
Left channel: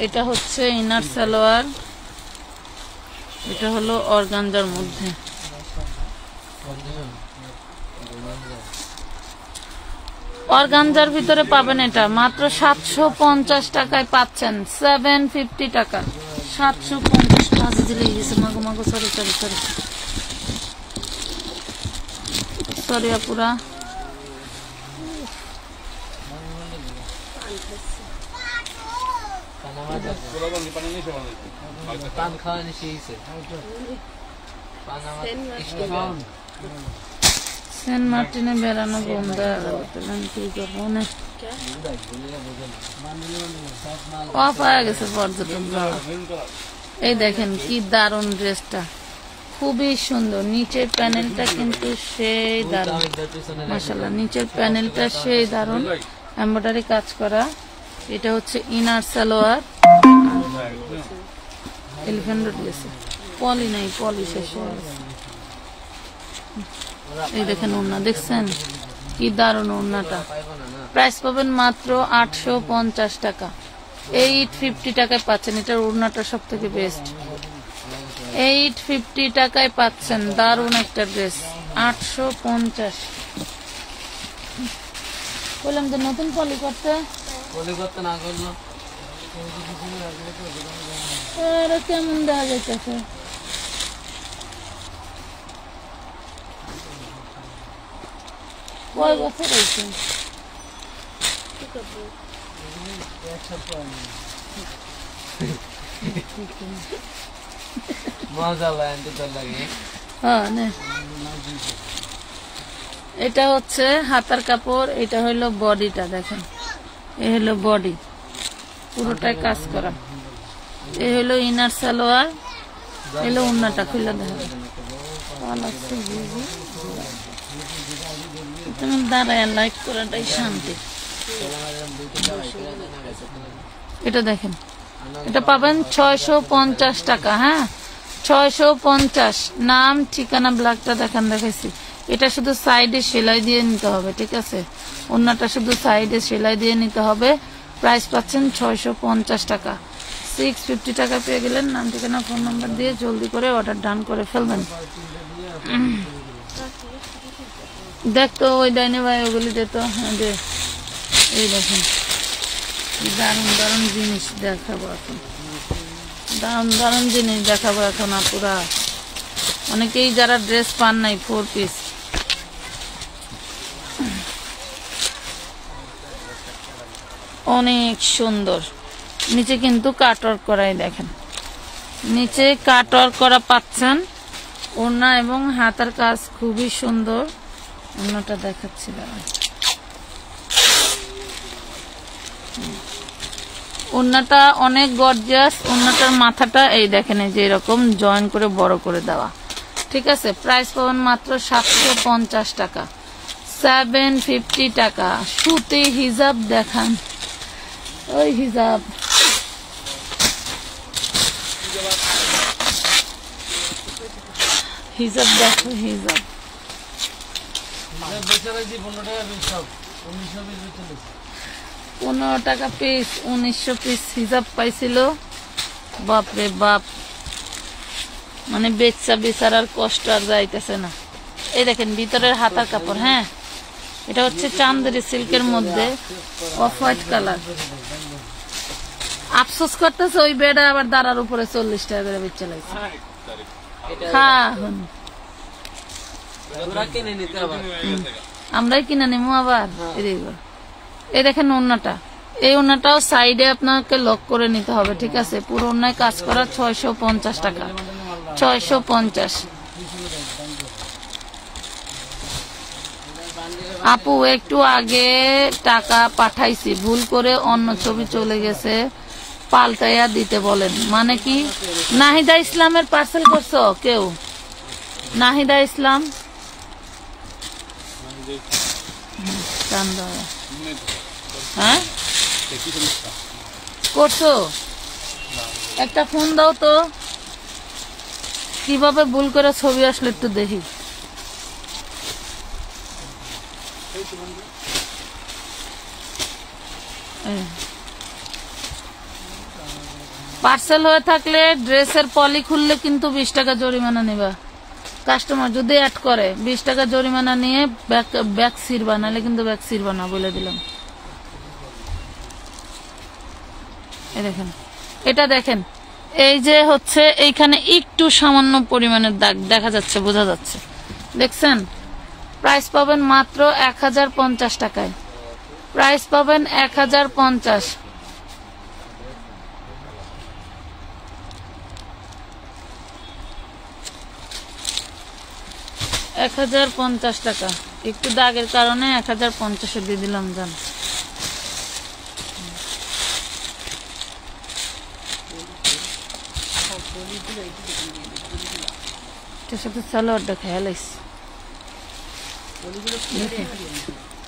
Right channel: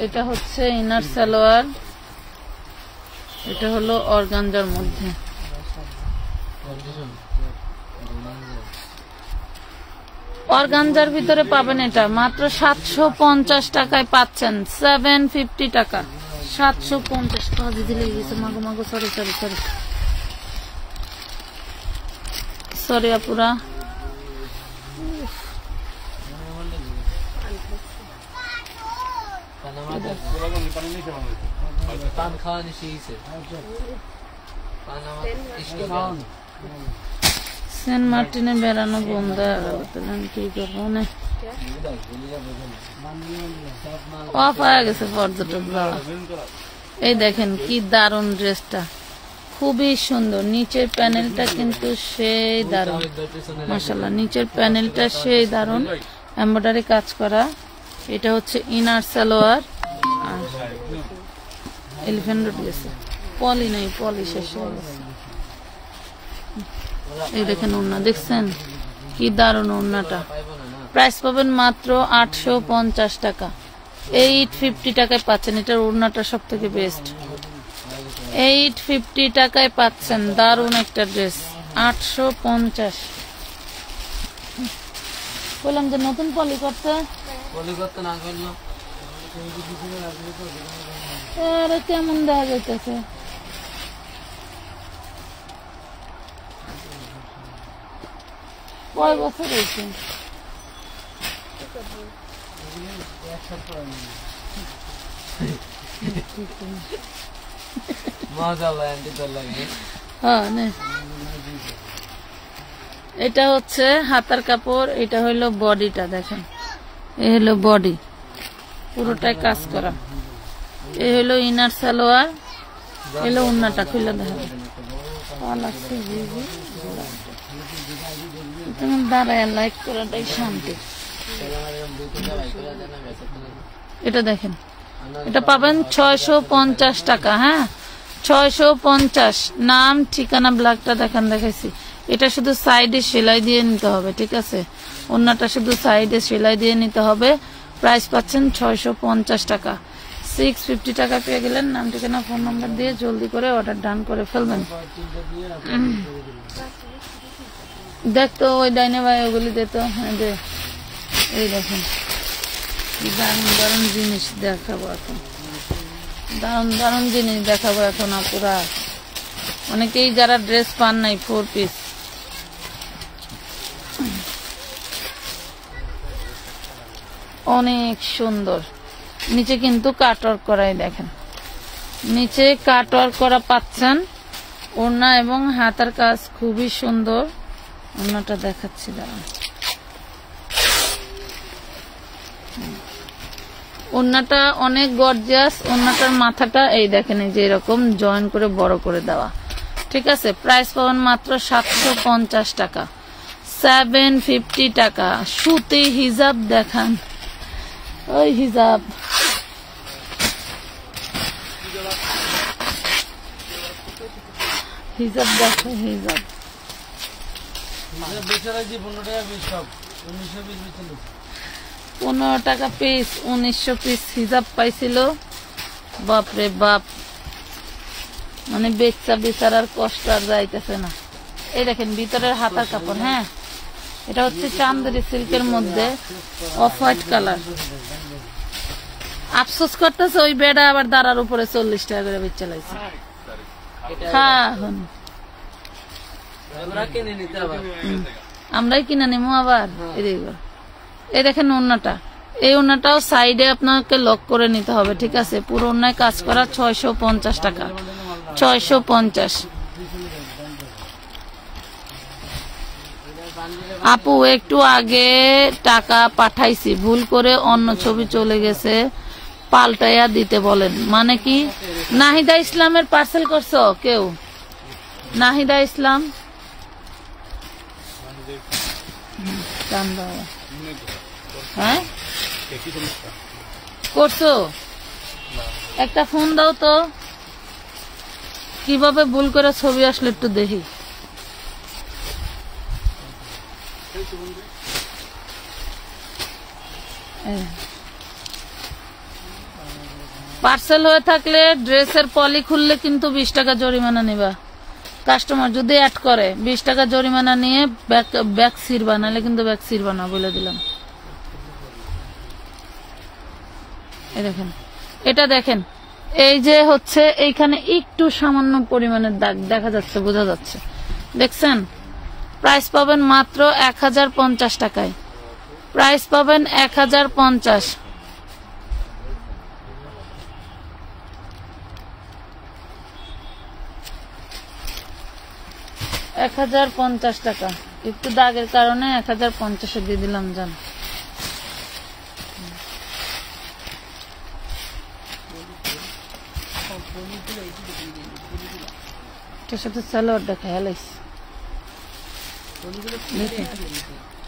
এটা হচ্ছে ইনার সালোয়ার, এটা হলো অর্গানজার মধ্যে। অর্গানজার ভিতরে পাবেন এটা মাত্র 750 টাকায় পাচ্ছেন, 750 টাকা, 750 ভাজি দিলে গেছে। মাগো সরি আপুরা। সেন্ট মার্টিনে বেড়ানো বন্ধ হয়ে গেল, কি করবো না, অফ হয়ে গেছে পর্যটক যাওয়া। এই দেখেন কি দারুণ ড্রেসটা, খুবই সুন্দর। নিচের প্যানেলটা কিন্তু সেই দারুণ, মাশাআল্লাহ, নিচের প্যানেলটা সেই দারুণ, এমব্রয়ডারি কাজ করা। এটা হচ্ছে ইনার সালোয়ার, এলিফ্যান্ট রোড গেছে, পলি নাই, পলি শেষ হয়ে গেছে। এই দেখেন ওন্না, দেখছেন কি দারুণ ওন্নাটা। প্রাইস পাবেন মাত্র 850 টাকা, 850 টাকায় পাচ্ছেন। এটার ওন্নাটা সব থেকে বেস্ট, 850 টাকায় পাচ্ছেন, দারুণ একটা ড্রেস। 850 বললাম যে নতুন পলি করতে না করলো, কেমন দেওয়া যাইতেছে। কয় বছর হয়েছে? এটা হচ্ছে হাতার কাপড়, এটা হলো বডিটা, দেখেন এই হলো বডি, পুরোটাই কাজ করা। এই হলো ইনার সালোয়ার, এলো ওন্নাটা খুলে দেখেন, দাঁড়ায় লাইক করাটাই শান্তি। এটা দেখেন, এটা পাবেন 650 টাকা। হ্যাঁ 650, নাম ঠিকানা ব্ল্যাকটা দেখাইছি। এটা শুধু সাইডে সেলাই দিয়ে নিতে হবে, ঠিক আছে? ওন্নাটা শুধু সাইডে সেলাই দিয়ে নিতে হবে। প্রাইস পাচ্ছেন 650 টাকা। 650 টাকা পেয়ে গেলেন। নাম, ঠিকানা, ফোন নাম্বার দিয়ে জলদি করে অর্ডার ডান করে ফেলবেন। দেখতো ওই ডাইনে ভাই ওগুলি দিত। হ্যাঁ যে এই দেখেন দারুন দারুন জিনিস দেখাবো এখন, দারুন দারুন জিনিস দেখাবো এখন আপুরা। অনেকেই যারা ড্রেস পান নাই 4 পিস, অনেক সুন্দর। নিচে কিন্তু কাটওয়ার্ক করাই, দেখেন নিচে কাটওয়ার্ক করা পাচ্ছেন। ওড়না এবং হাতার কাজ খুবই সুন্দর। ওড়নাটা দেখাচ্ছি, দাঁড়ান। ওড়নাটা অনেক গর্জিয়াস। ওড়নাটার মাথাটা এই দেখেন, এই যে এরকম জয়েন করে বড় করে দেওয়া, ঠিক আছে? প্রাইস পাবেন মাত্র 750 টাকা, 750 টাকা। সুতি হিজাব দেখান, ওই হিজাব হিজাব দেখো, হিজাব 15 টাকা পিস, 1900 পিস হিজাব পাইছিল। বাপরে বাপ, মানে বেচা বেচারার কষ্ট আর যাইতেছে না। এই দেখেন ভিতরের হাতার কাপড়। হ্যাঁ, এটা হচ্ছে চান্দেরি সিল্কের মধ্যে অফ হোয়াইট কালার। আফসোস করতেছে ওই বেড়া আবার দাঁড়ার উপরে 40 টাকা করে বেচা লাগছে। আমরাই কিনে নিবো আবার। এই দেখেন ওড়নাটা, এই ওড়নাটাও সাইডে আপনাকে লক করে নিতে হবে, ঠিক আছে? পুরো ওড়নায় কাজ করা। 650 টাকা, 650। আপু একটু আগে টাকা পাঠাইছি, ভুল করে অন্য ছবি চলে গেছে, পাল্টাইয়া দিতে বলেন। মানে কি? নাহিদা ইসলামের পার্সেল করছো কেউ? নাহিদা ইসলাম হ্যাঁ করছো? একটা ফোন দাও তো, কিভাবে ভুল করে ছবি আসলে একটু দেখি। পার্সেল হয়ে থাকলে ড্রেসের পলি খুললে কিন্তু 20 টাকা জরিমানা নিবা। কাস্টমার যদি অ্যাড করে 20 টাকা জরিমানা নিয়ে ব্যাগ ছিড়বা, নাহলে কিন্তু ব্যাগ ছিড়বা না, বলে দিলাম। এই দেখেন, এটা দেখেন, এই যে হচ্ছে এইখানে একটু সামান্য পরিমাণের দাগ দেখা যাচ্ছে, বোঝা যাচ্ছে, দেখছেন? প্রাইস পাবেন মাত্র 1050 টাকায়। প্রাইস পাবেন 1050। 1050 টাকা। একটু দাগের কারণে 1050 দিয়ে দিলাম। জান সাথে সালোয়ারটা খেয়াল আইছে,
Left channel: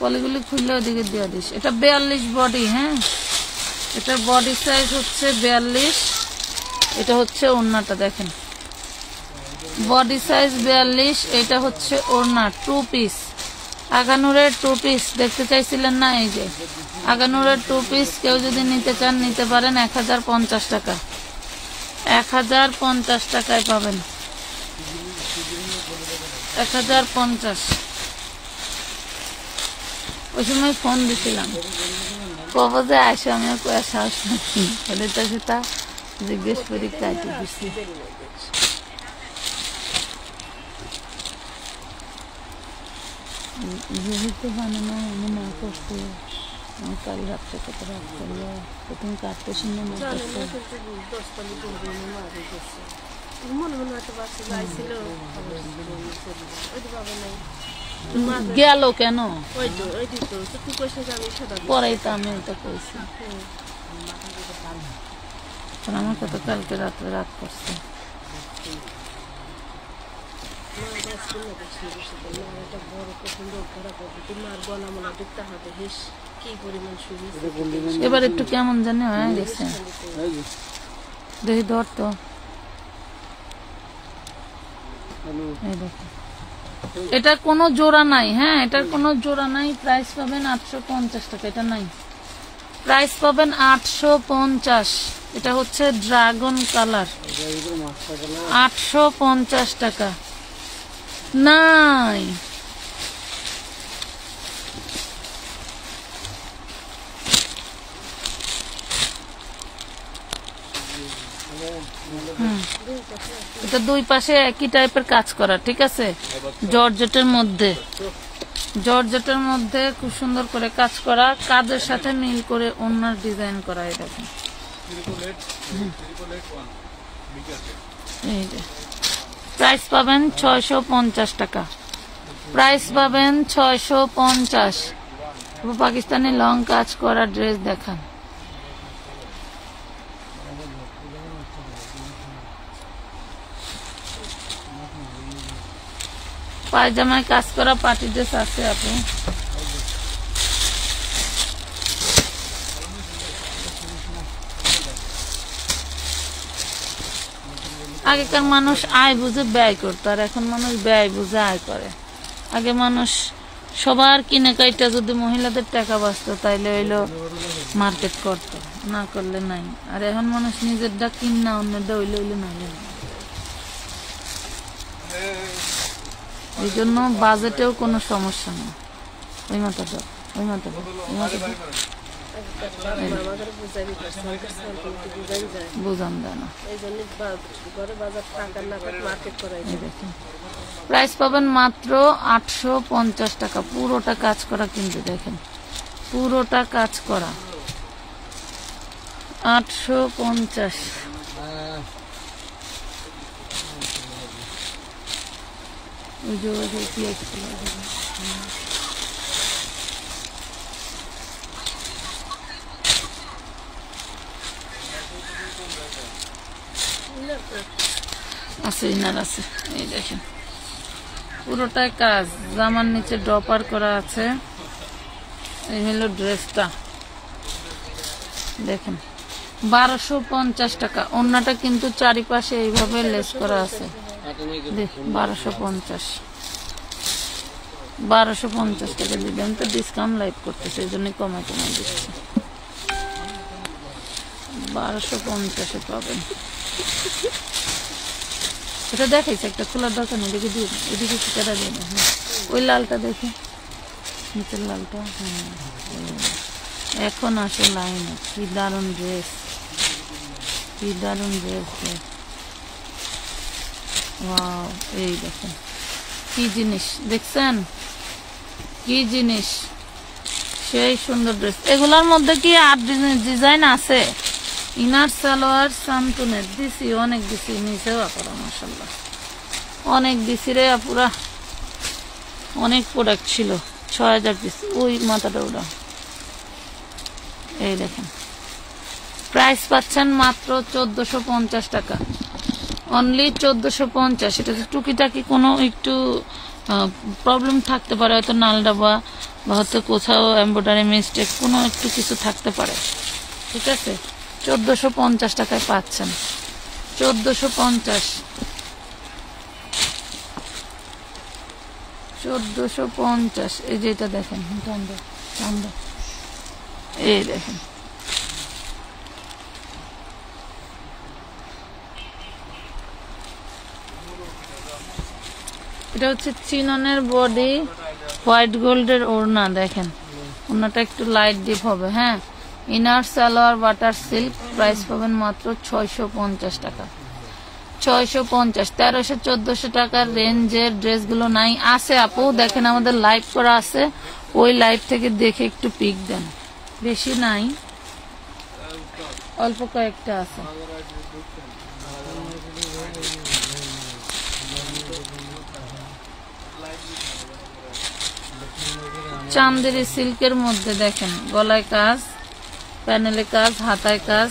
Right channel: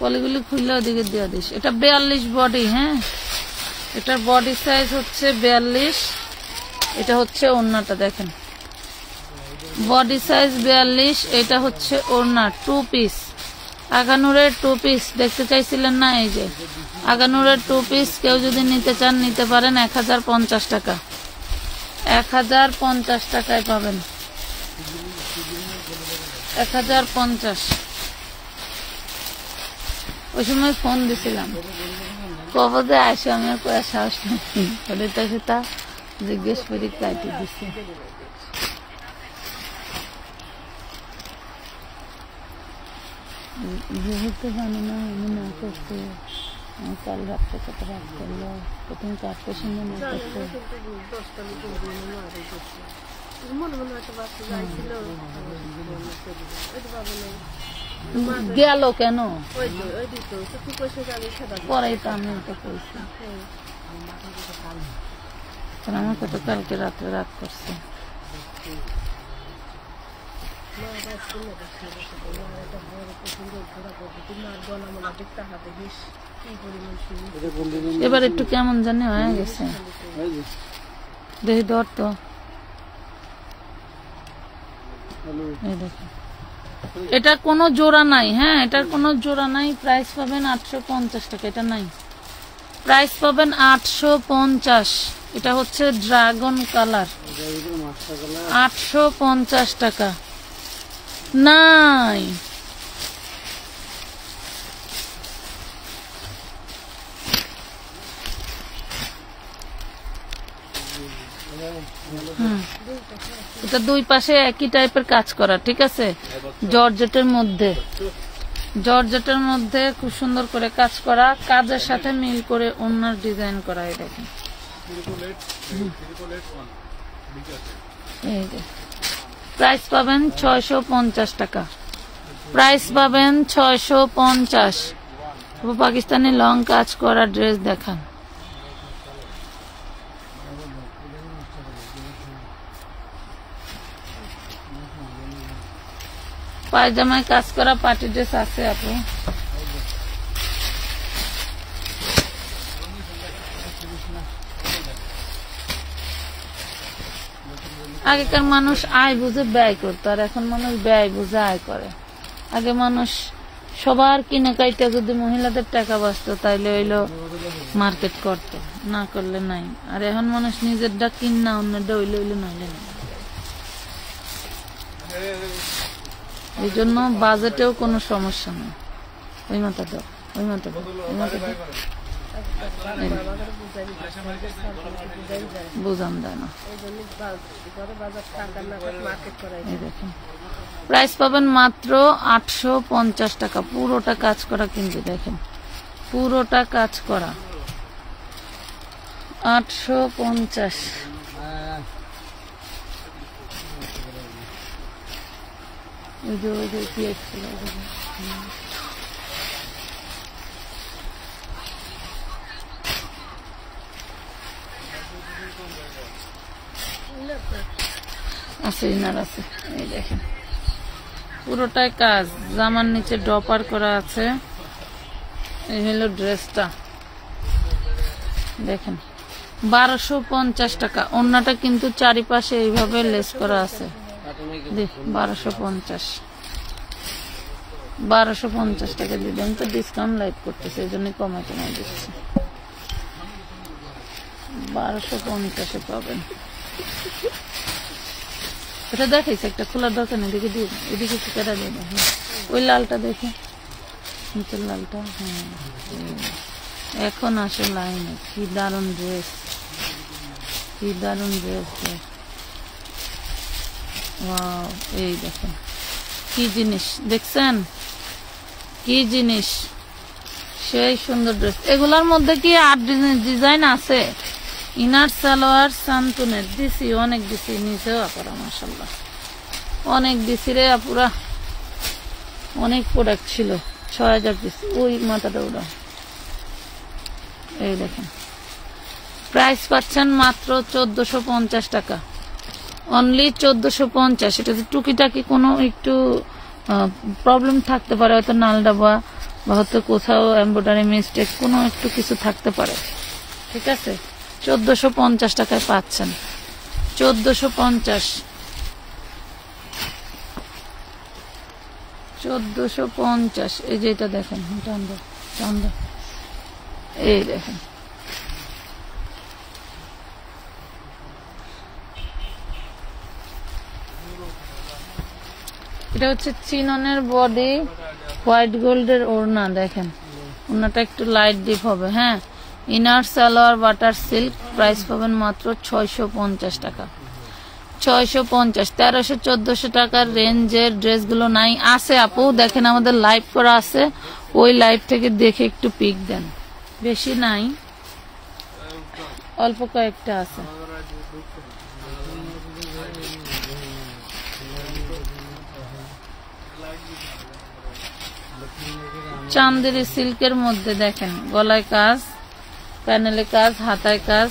পলিগুলি খুললে ওদিকে দিয়ে দিস। এটা 42 বডি। হ্যাঁ, এটার বডি সাইজ হচ্ছে 42। এটা হচ্ছে ওড়নাটা, দেখেন বডি সাইজ 42। এটা হচ্ছে ওড়না 2 পিস। আগানুরের 2 পিস দেখতে চাইছিলেন না? এই যে আগানুরের 2 পিস, কেউ যদি নিতে চান নিতে পারেন। 1050 টাকা, 1050 টাকায় পাবেন। 1050। ওই সময় ফোন দিছিলাম, কবে যে আসে, আমি কয়ে সাহস নাকি ওদের কাছে তা জিজ্ঞেস করি, কাটে দিছি। যেহেতু বানানো আমি না করছি, আমি কাল রাত্রে কত রাত করলো, প্রথম কাটতে সুন্দর না করছে। গেল কেন? পরেই তো আমি তো কইছি, আমার কত কালকে রাত্রে রাত করছে। এবার একটু কেমন জানি হয়ে গেছে, দেখি ধর তো। এটা কোনো জোড়া নাই, হ্যাঁ এটার কোনো জোড়া নাই। প্রাইস পাবেন 850 টাকা, এটা নাই। প্রাইস পাবেন 850। এটা হচ্ছে ড্রাগন কালার, 850 টাকা। নাই এটা দুই পাশে একই টাইপের কাজ করা, ঠিক আছে। জর্জেটের মধ্যে, জর্জেটের মধ্যে খুব সুন্দর করে কাজ করা, কাজের সাথে মিল করে ওনার ডিজাইন করা। এরকম এই যে প্রাইস পাবেন 650 টাকা। প্রাইস পাবেন 650। পাকিস্তানি লং কাজ করা ড্রেস দেখেন। পায়জামায় কাজ করা পার্টি ড্রেস আছে আপু। আগেকার মানুষ আয় বুঝে ব্যয় করতো, আর এখন মানুষ ব্যয় বুঝে আয় করে। আগে মানুষ সবার কিনে কাইটা যদি মহিলাদের টাকা বাঁচতো তাইলে হইলো মার্কেট করতো, না করলে নাই। আর এখন মানুষ নিজেরটা কিনা অন্যটা হইলে হইলে নইলে না। এই জন্য বাজেটেও কোনো সমস্যা নেই। ওই মাথাটা, ওই মাথাটা, ওই মাথাটা বুঝান দেয় না। প্রাইস পাবেন মাত্র 850 টাকা। পুরোটা কাজ করা কিন্তু দেখেন, পুরোটা কাজ করা 850। আছে ইনার আছে, এই দেখেন পুরোটাই কাজ, জামার নিচে ডপার করা আছে। এই হলো ড্রেসটা দেখেন, 1250 টাকা। ওড়নাটা কিন্তু চারিপাশে এইভাবে লেস করা আছে। 1250 টাকা দিলাম, তো ডিসকাউন্ট লাইভ করতেছে, এই জন্য কমায় কমায় দিচ্ছে। 1250 পাবেন। এটা দেখাইছে একটা খোলার দরকার নেই, এদিকে দিয়ে এদিকে সেটা দিয়ে না। ওই লালটা দেখে, নিচের লালটা। হ্যাঁ এখন আসে লাইনে। কি দারুণ ড্রেস, কি দারুণ ড্রেস। ওয়াও, এই দেখেন কি জিনিস দেখছেন, কি জিনিস, সেই সুন্দর ড্রেস। এগুলার মধ্যে কি আর ডিজাইন আছে। ইনার সালোয়ার সান্তনের দিছি, অনেক দিছি, নিচেও আপুরা মাশাআল্লাহ অনেক দিছি রে আপুরা, অনেক প্রোডাক্ট ছিল। 6000 পিস। ওই মাথাটা ওটা, এই দেখেন। প্রাইস পাচ্ছেন মাত্র 1450 টাকা, অনলি 1450। এটা টুকিটাকি কোনো একটু প্রবলেম থাকতে পারে, হয়তো নালডাবা বা হয়তো কোথাও এমব্রয়ডারি মিস্টেক কোনো একটু কিছু থাকতে পারে, ঠিক আছে। 1450 টাকায় পাচ্ছেন, 1450, 1450। এই যে এটা দেখেন, এই দেখেন এটা হচ্ছে চিননের বডি, হোয়াইট গোল্ডের ওড়না। দেখেন ওড়নাটা একটু লাইট ডিপ হবে। হ্যাঁ, inner salwar butter silk. Price পাবেন মাত্র 650 টাকা, 650। 1300-1400 টাকার রেঞ্জের ড্রেসগুলো নাই, আছে আপু দেখেন আমাদের লাইভ করা আছে, ওই লাইভ থেকে দেখে একটু পিক দেন। বেশি নাই, অল্প কয়েকটা আছে। চান্দেরি সিল্কের মধ্যে দেখেন গলায় কাজ, প্যানেলে কাজ, হাতায় কাজ।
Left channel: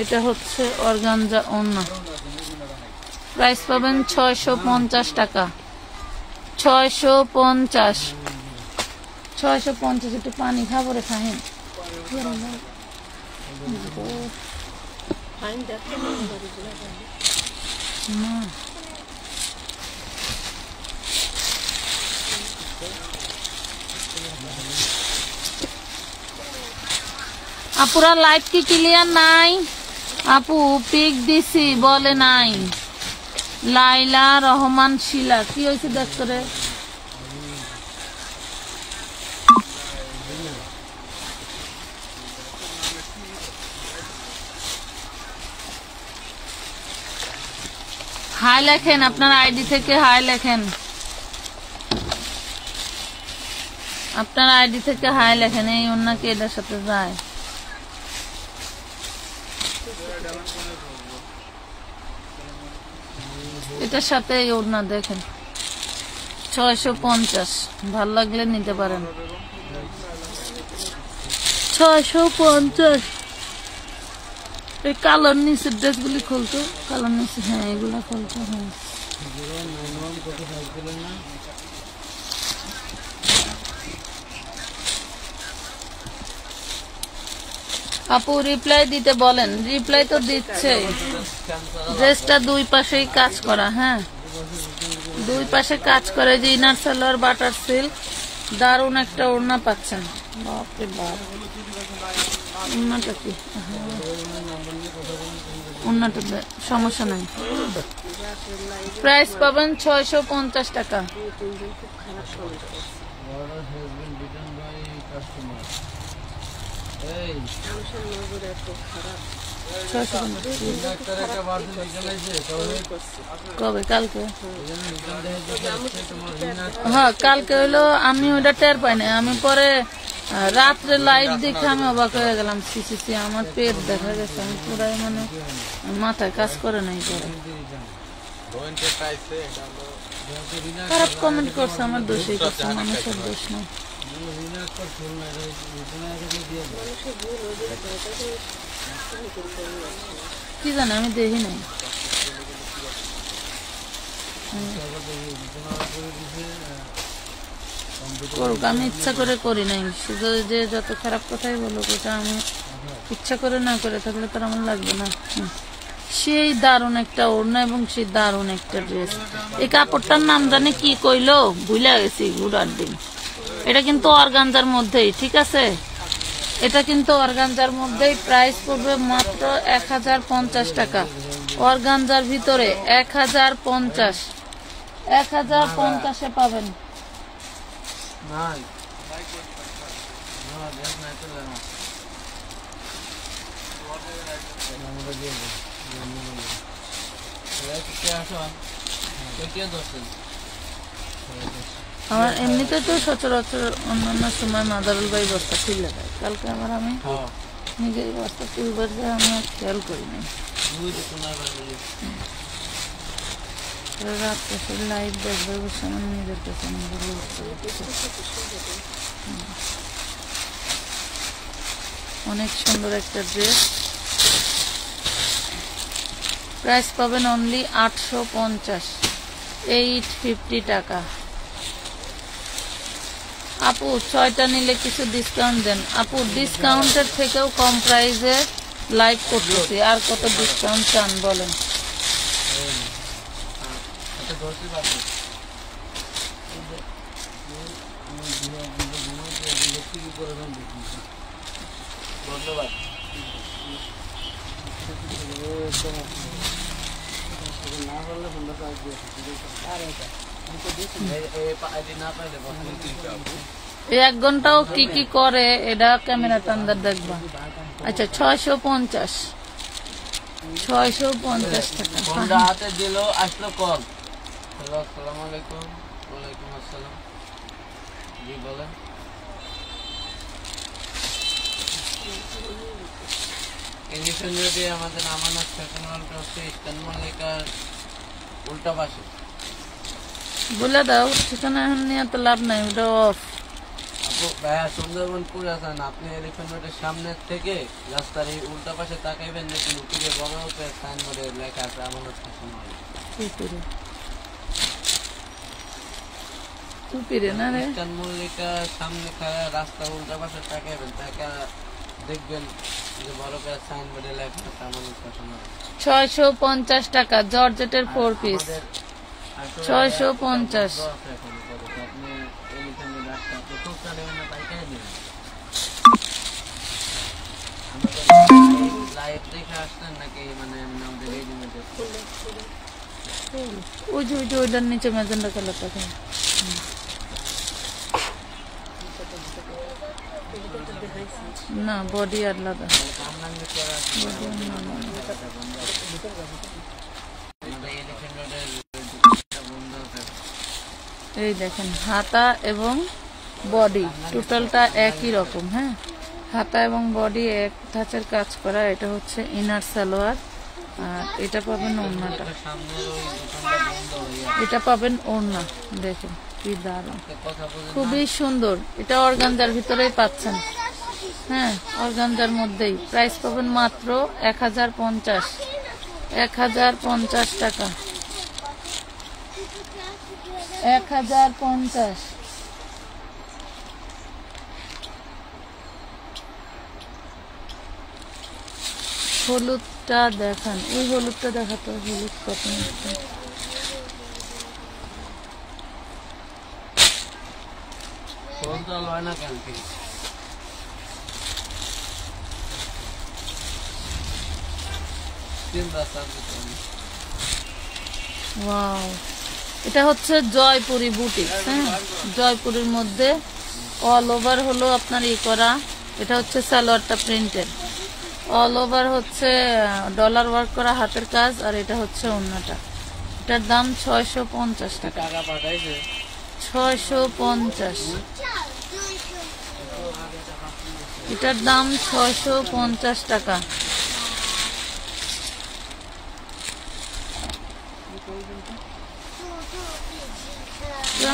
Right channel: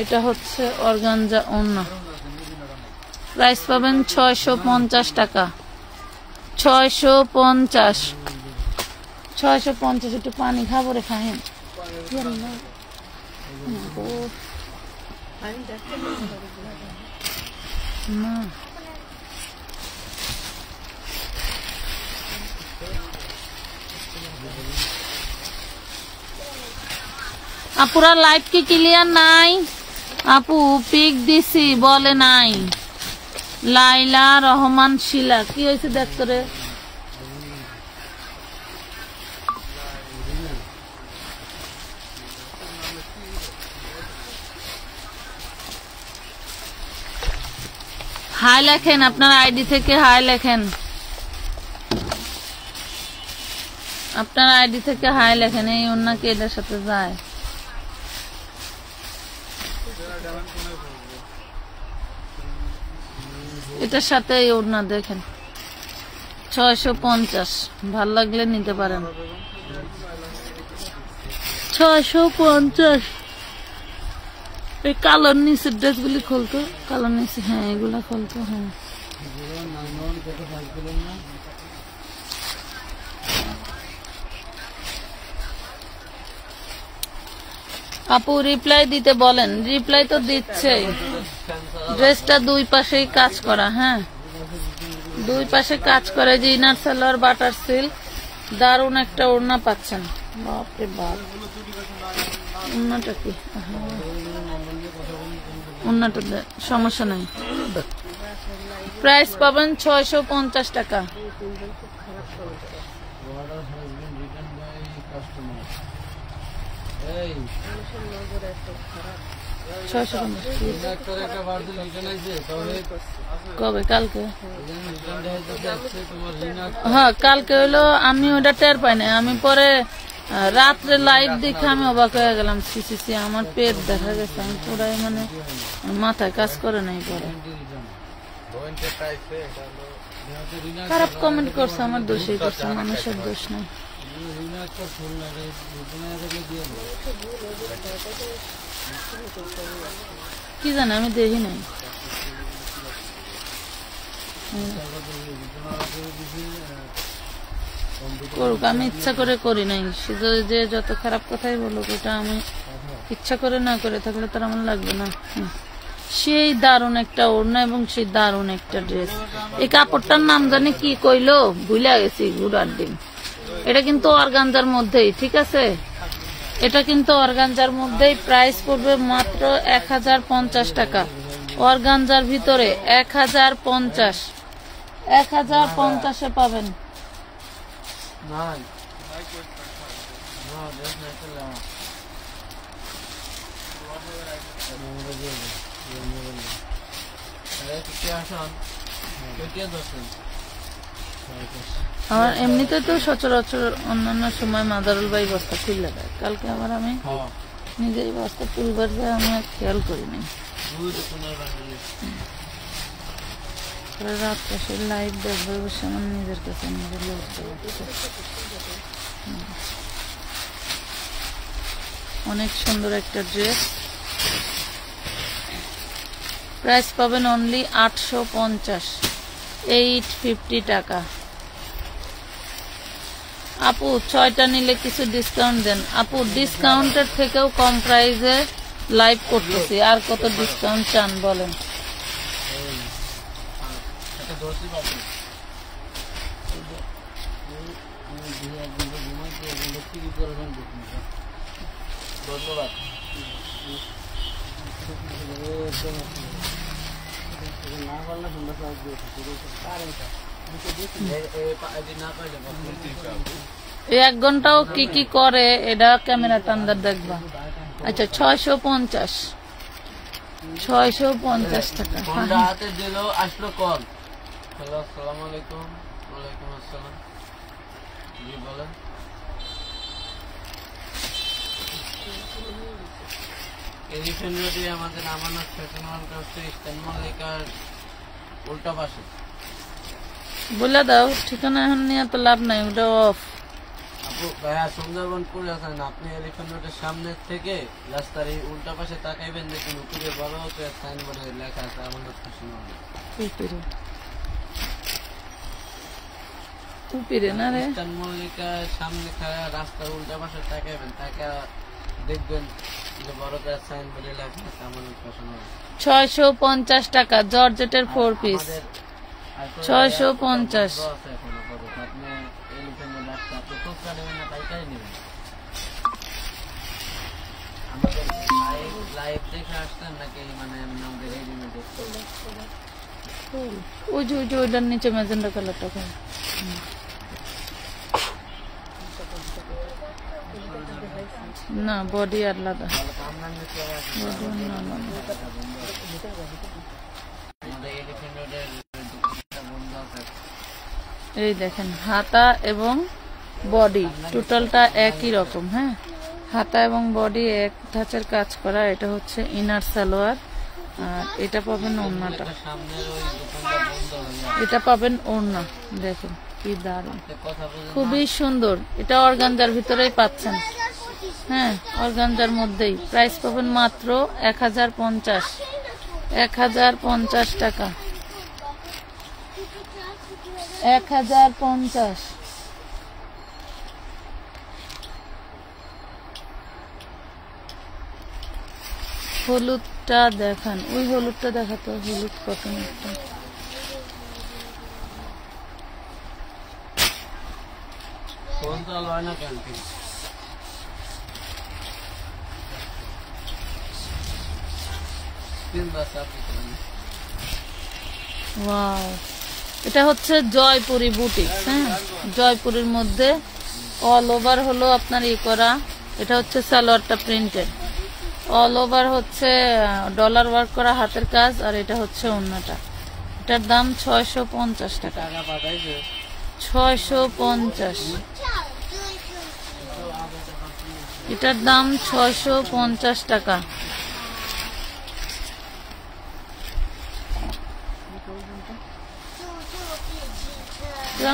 এটা হচ্ছে অর্গানজা ওড়না। প্রাইস পাবেন 650 টাকা, 650, 650। একটু পানি খাবো রে, খাহেন। না আপুরা লাইট কি ক্লিয়ার নাই? আপু পিক দিছি বলে নাই। লাইলা রহমান শিলা কি হয়েছে দেখ করে। হাই লেখেন, আপনার আইডি থেকে হাই লেখেন, আপনার আইডি থেকে হাই লেখেন। এই অন্যকে এটার সাথে যায়। এটার সাথে এই ওড়না দেখেন 650, ভাল লাগলে নিতে পারেন। 650 এই কালোর নিচের ড্রেসগুলি খুলতো, কালোর নিচে, হ্যাঁ এগুলা খুলতো। হ্যাঁ আপু রিপ্লাই দিতে বলেন। রিপ্লাই তো দিচ্ছে। ড্রেসটা দুই পাশেই কাজ করা, হ্যাঁ দুই পাশে কাজ করে। যে ইনার সালোয়ার বাটার সিল্ক, দারুন একটা ওড়না পাচ্ছেন। বাপরে বাপ, ওড়নাটা কি, ওড়নাটা সমস্যা নাই। প্রাইস পাবেন 650 টাকা। কবে? কালকে। হ্যাঁ কালকে হইলো, আমি ওটা টের পাই না। আমি পরে রাত্রে লাইভ দেখে আমি অবাক হয়ে গেলাম। সিসি আমার পেট দেখা গেছে। আমি পুরাই মানে মাথায় কাজ করে নাই। পরে খারাপ কমেন্ট করছে, আমার দোষই করছে, মানুষের দোষ নাই। কি জানি, আমি দেখি নাই। করুক, আমি ইচ্ছা করে করি নাই। শুধু যে যত খারাপ কথাই বলুক, এটা আমি ইচ্ছা করে না করে থাকলে তো আমার লাগবে না। সেই দারুণ একটা ওড়না এবং সেই দারুণ একটা ড্রেস। এই কাপড়টার নাম জানে কি কইলো, ভুলে গেছি, গুড়ার ডিম। এটা কিন্তু অর্গানজার মধ্যেই, ঠিক আছে, এটা কিন্তু অর্গানজার মধ্যেই। প্রাইস পড়বে মাত্র 1050 টাকা। অর্গানজার ভিতরে 1050, 1050-এ পাবেন। এমনিতে তো সচরাচর অন্যান্য সময় মাদারুল ভাই বস্তা খুলে দেয়। কালকে আবার আমি নিজের বস্তা তুলবার যায়, আমি আর খেয়াল করিনি। রাত পাশে লাইভ দেখবো, বসে আমার নিজের কাছে নিজের অনেক সুন্দর একটা ড্রেস। প্রাইস পাবেন অনলি 850, 850 টাকা। আপু 6টা নিলে কিছু ডিসকাউন্ট দেন। আপু ডিসকাউন্টের থেকেও কম প্রাইসে লাইভ করতেছি, আর কত ডিসকাউন্ট চান বলেন। ধন্যবাদ। এই 1 ঘন্টাও কি কি করে এটা ক্যামেরাতে আন্দাজ দেখবা। আচ্ছা 650, 650 টাকা। হাতে দিল আসলো কল। আসসালামু আলাইকুম। ওয়ালাইকুম আসসালাম। জি বলেন। আমাদের আমানত ফ্যাশন হলটা হচ্ছে ইস্টার্ন মল্লিকার উল্টা পাশে। বলে দাও ঠিকানা, এখন নিয়ে তো লাভ নাই, ওটা অফ। ভাইয়া সুন্দরবন পুরো আছেন আপনি, এলিফ্যান্ট রোডের সামনে থেকে রাস্তার এই উল্টা পাশে তাকাইবেন, দেখুন উপরে বড় হতে সাইনবোর্ডে লেখা আছে আমানত ফ্যাশন হল। উপরে না রে, ইস্টার্ন মল্লিকার সামনে খায়া রাস্তার উল্টা পাশে তাকাইবেন, তাকা দেখবেন 650 টাকা জর্জেটের 4 পিস 650। ওই যে ওইটার নিচে ম্যাজেন্ডা কালার থাকে না, বডি আলাদা। এই দেখেন হাতা এবং বডি টোটালটা একই রকম। হ্যাঁ, হাতা এবং বডি এক ধাঁচের কাজ করা। এটা হচ্ছে ইনার সালোয়ার, আর এটা পাবেন ওড়নাটা, এটা পাবেন ওড়না। দেখেন কি দারুণ, খুবই সুন্দর। এটা অর্গানজার ভিতরেই পাচ্ছেন। হ্যাঁ, অর্গানজার মধ্যেই। প্রাইস পাবেন মাত্র 1050 টাকা, 1050। হলুদটা দেখান, ওই হলুদটা দেখাতো, হলুদ কত ওয়াও। এটা হচ্ছে জয়পুরি বুটিক। হ্যাঁ, জয়পুরের মধ্যে অল ওভার হলো আপনার ই করা। এটা হচ্ছে সালোয়ারটা প্রিন্টেড, অল ওভার হচ্ছে ডলার ওয়ার্ক করা হাতের কাজ, আর এটা হচ্ছে ওড়নাটা। এটার দাম 650 টাকা, 650। এটার দাম 650 টাকা।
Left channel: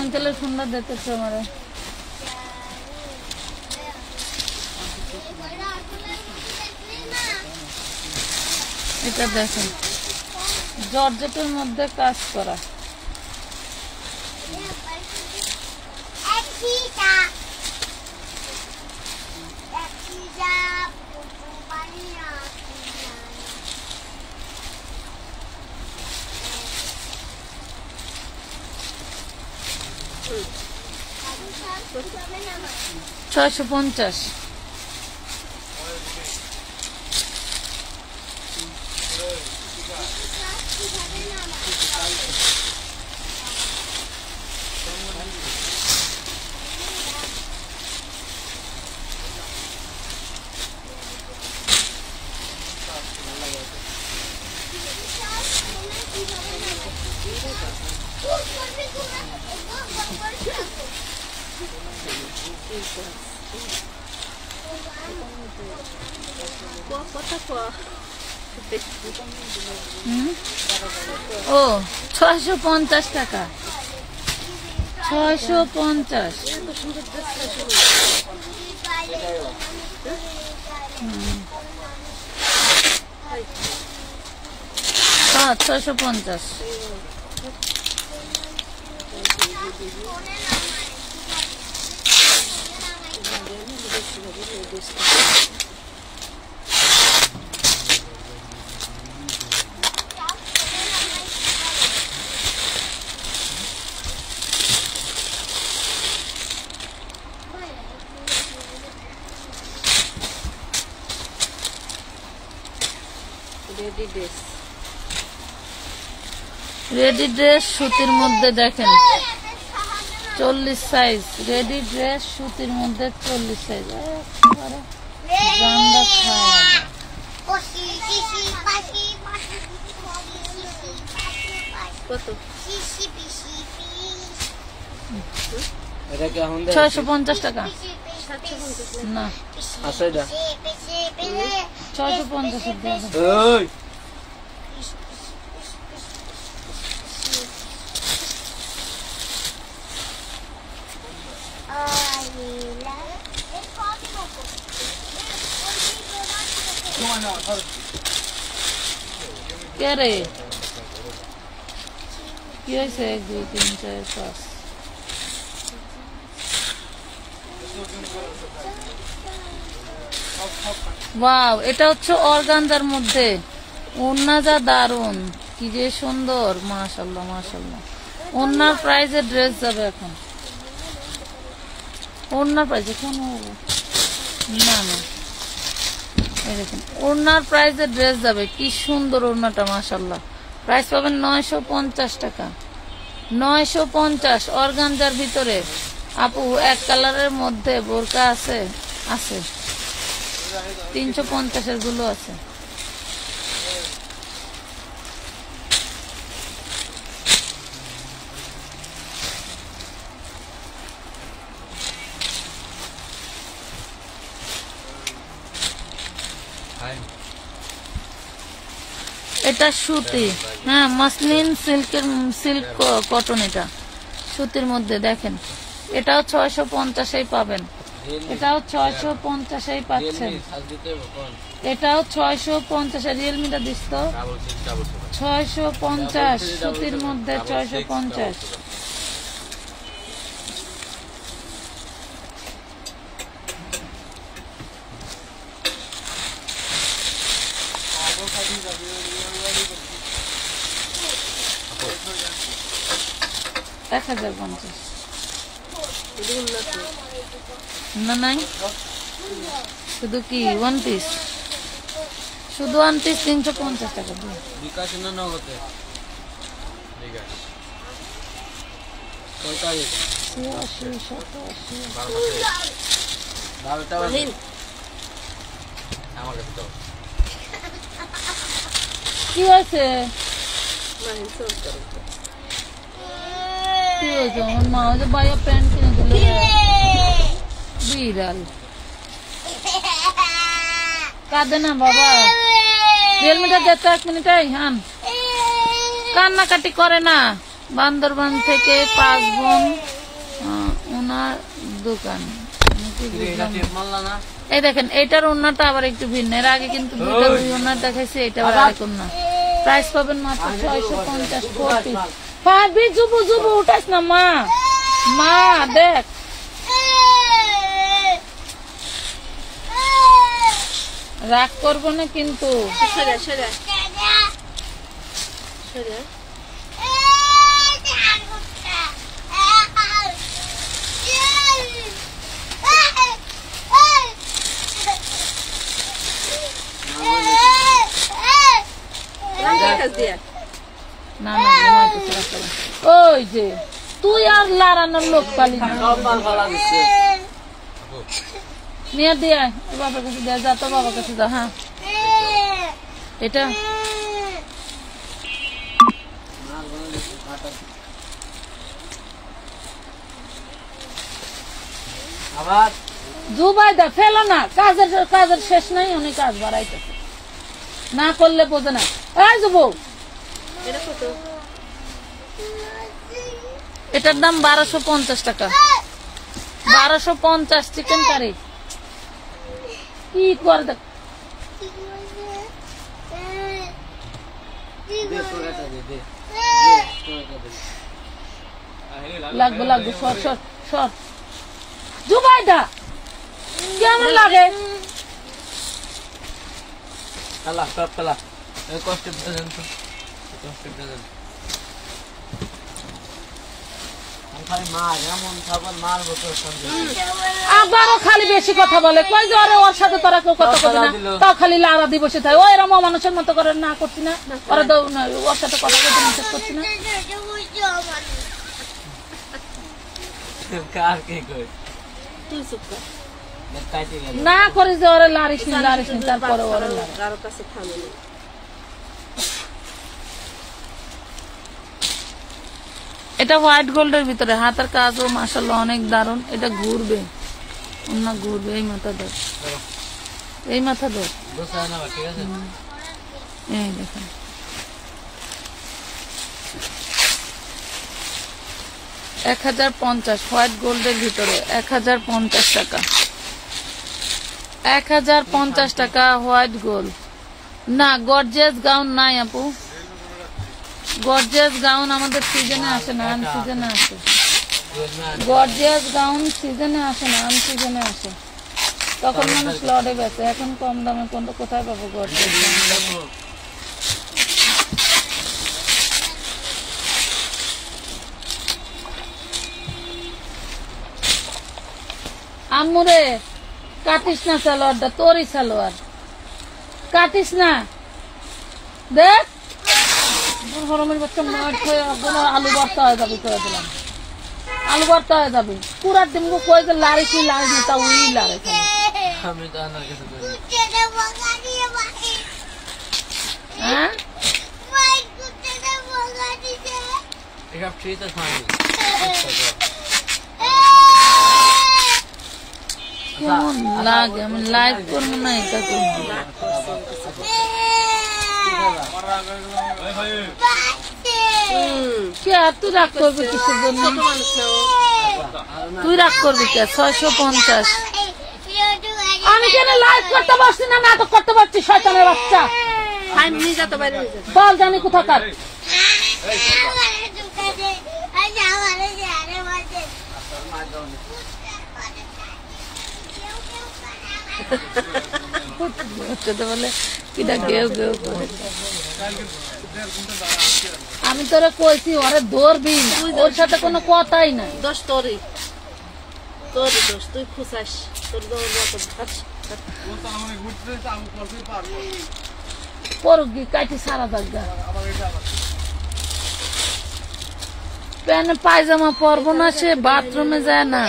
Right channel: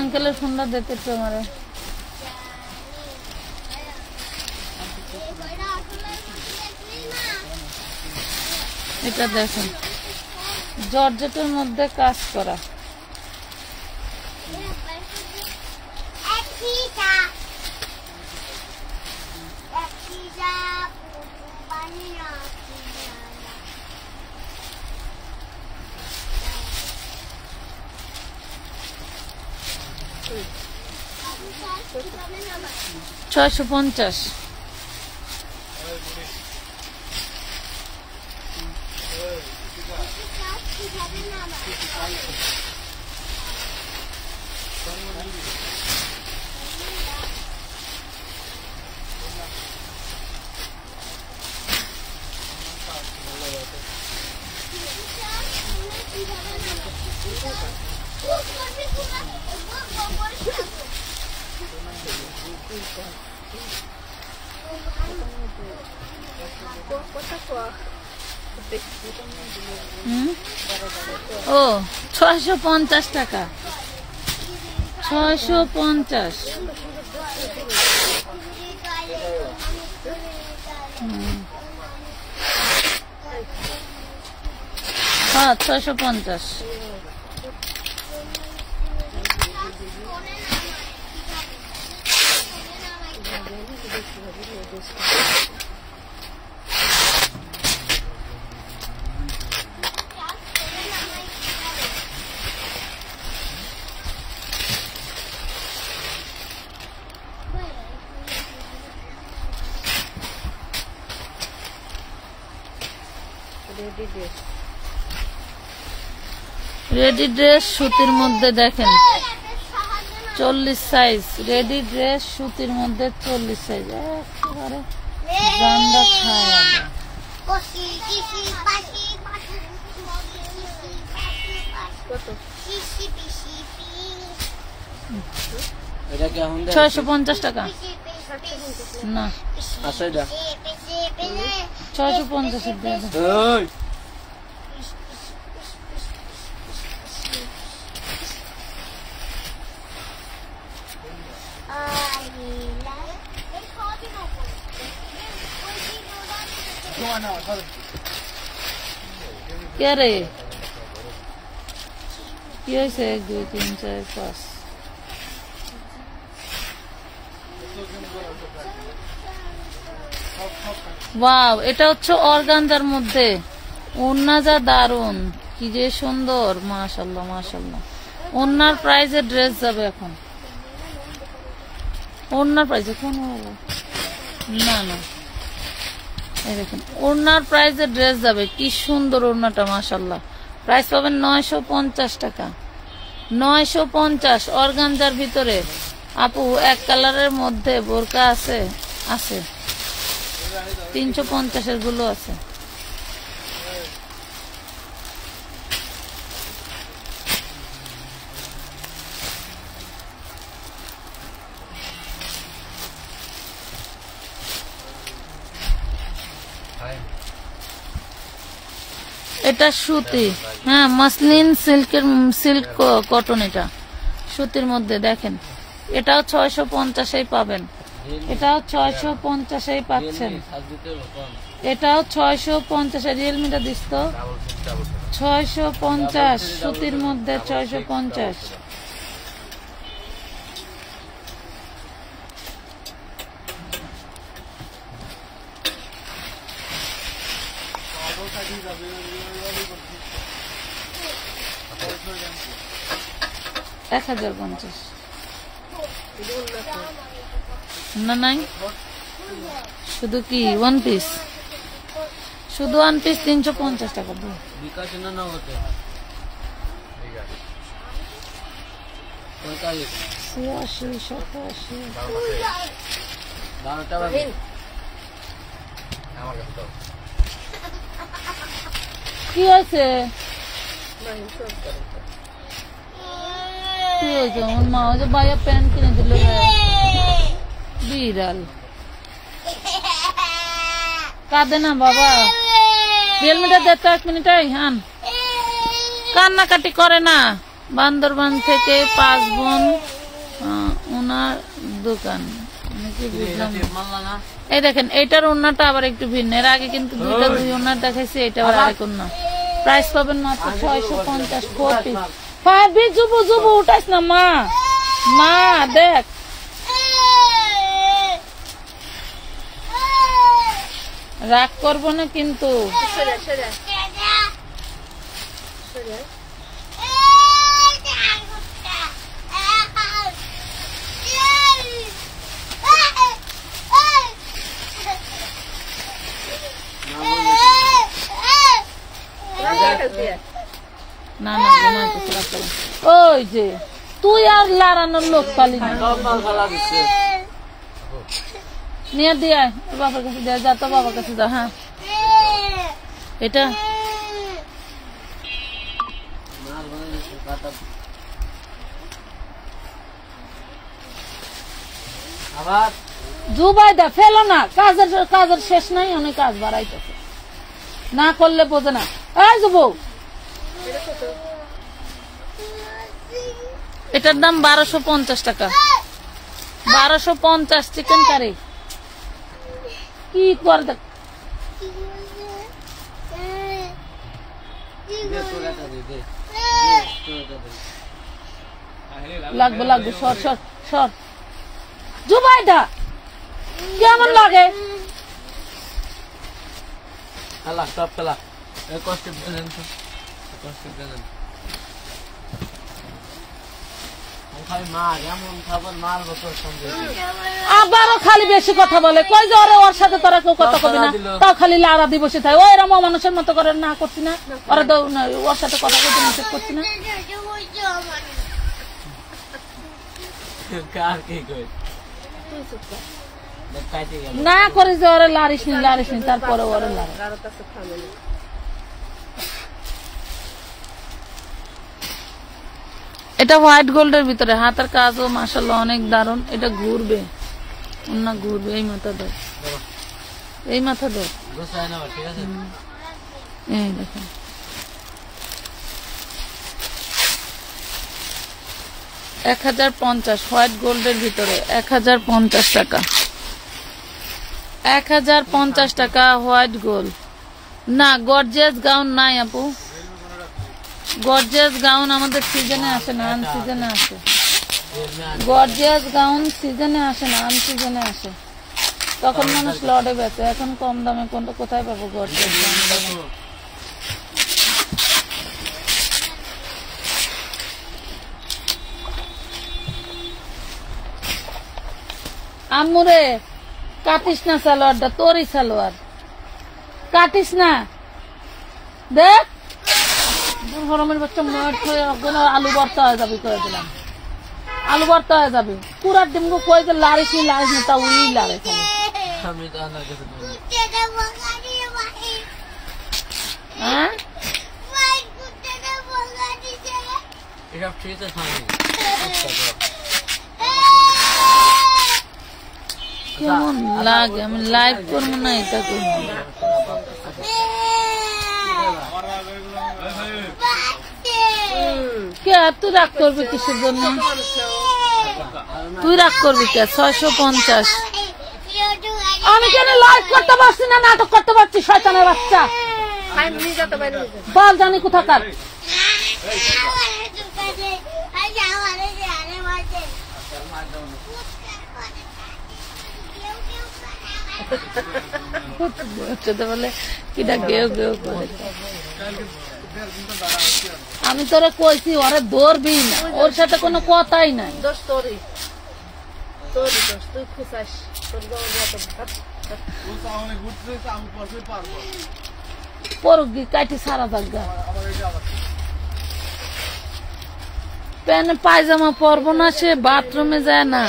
আঙ্কেলের ফোনটা দেখতেছে আমার। এটা দেখেন জর্জেটের মধ্যে কাজ করা। $650। ও 650 টাকা, 650। হ্যাঁ, 650। রেডি ড্রেস সুতির মধ্যে দেখেন 40 সাইজ। রেডি ড্রেস সুতির মধ্যে 40 সাইজ। জানলা খাওয়া কত? 650 টাকা না, 650। কে রে কি হয়েছে? 1 2 3 4 5। ওয়াও, এটা হচ্ছে অর্গানজার মধ্যে, ওন্না যা দারুন, কি যে সুন্দর, মাশাআল্লাহ মাশাআল্লাহ। ওন্নার প্রাইজে ড্রেস যাবে এখন, ওন্নার প্রাইজে কেন না না, এরকম ওন্নার প্রাইজে ড্রেস যাবে, কি সুন্দর ওন্নাটা মাশাআল্লাহ। প্রাইস পাবেন 950 টাকা, 950 অর্গানজার ভিতরে। আপু এক কালারের মধ্যে বোরকা আছে, আছে 350 গুলো আছে। এটা সুতি, হ্যাঁ মসলিন সিল্কের, সিল্ক কটন, এটা সুতির মধ্যে। দেখেন এটাও 650 পাবেন, এটাও 650 পাচ্ছেন, এটাও 650। রিয়েলমিটা দিস তো, 650 সুতির মধ্যে 650। এক 1050 না নাই, শুধু কি ওয়ান পিস, শুধু ওয়ান পিস 350 টাকা দিয়ে। বিকাশ না হতে 86 87 12টা বাজে আমার কাছে। কি হয়েছে, কি হয়েছে? আমার মা ওই যে বাইরে প্যান্ট কিনে দিল, বিড়াল কাঁদে না বাবা। রিয়েলমিটা দে তো 1 মিনিট, হান কান্নাকাটি করে না। বান্দরবান থেকে 5 বোন, ওনার দোকান, এই দেখেন এটার ওন্নাটা আবার একটু ভিন্ন। এর আগে কিন্তু দুটো দুই ওন্নার দেখাইছি, এটা আবার আরেক ওন্না। প্রাইস পাবেন মাত্র 650। 4 পিস। পারবি জুবু জুবু উঠাস না মা, মা দেখ রাগ করবো না কিন্তু। ওই যে তুই আর লাড়ানোর লোক পালি নিয়ে দিয়ে বাবার কাছে দেয়, যা তো বাবার কাছে যা। হ্যাঁ এটা জুবাইদা ফেলো না, কাজের কাজের শেষ নাই, অনেক কাজ বাড়াইতেছে, না করলে বোঝে না। এই যুবক এটার দাম 1250 টাকা, 1250 চিকেন কারি। কি করে দেখ লাগবে লাগবে, সর সর সর। জুবাইদা কেমন লাগে? খেলা সব খেলা এই কষ্ট পর্যন্ত আবারও খালি বেশি কথা বলে, কই যে ওর সাথে তোরা কেউ কথা বলে না, তাও খালি লাড়া দিয়ে বসে থাকে। ও এরা মানুষের মতো করে না করছি না, ওরা দেও না, ওর সাথে কথা বলতে নিষেধ করছি না। না করে যে ওরে লাড়িস নি লাড়িস নি, তারপরে ওরে লাড়া। এটা হোয়াইট গোল্ডের ভিতরে, হাতের কাজও মাশাআল্লাহ অনেক দারুন। এটা ঘুরবে, না ঘুরবে। এই মাথা ধর, এই মাথা ধর, এই দেখেন। $1050 হোয়াইট গোল্ডের ভিতরে, 1050 টাকা, 1050 টাকা হোয়াইট গোল্ড। না গর্জিয়াস গাউন নাই আপু, গর্জিয়াস গাউন আমাদের সিজনে আসে না, আন সিজনে আসে। গর্জিয়াস গাউন সিজনে আসে না, আন সিজনে আসে। তখন মানুষ লড়ে বেচে, এখন কম দামে কোনটা কোথায় পাবো গর্তে? আম্মুরে কাটিস না সালোয়ারটা, তোরই সালোয়ার কাটিস না। দেখ গরমের বাচ্চা মাঠ হয়ে আলু ভর্তা হয়ে যাবে, করে দিলাম আলু ভর্তা হয়ে যাবে। পুরা ডিম কয়ে যে লাড়িস নি লাড়িস নি, তা উই লাড়ে খালি। হ্যাঁ কেমন লাগে? আমি লাইভ করবো না, এটা করবো। কে তুই রাগ করবি কিসের জন্য? তুই রাগ করবি কে? 650। আমি কেন লাইভ করতে পারছি না, নাটক করতে পারছি? শয়তানের বাচ্চা বল জানি কোথাকার। বলে কিটা গেউ গেউ করে। আমি তোরা কইছি ওরা ধরবি না, ওর সাথে কোনো কথাই নাই। দোষ তোরই, তোরই দোষ, তুই খুশাস। পরগি কাটি সারা থাকবে। প্যান্ট পায়জামা পরবো না, সে বাথরুমে যায় না,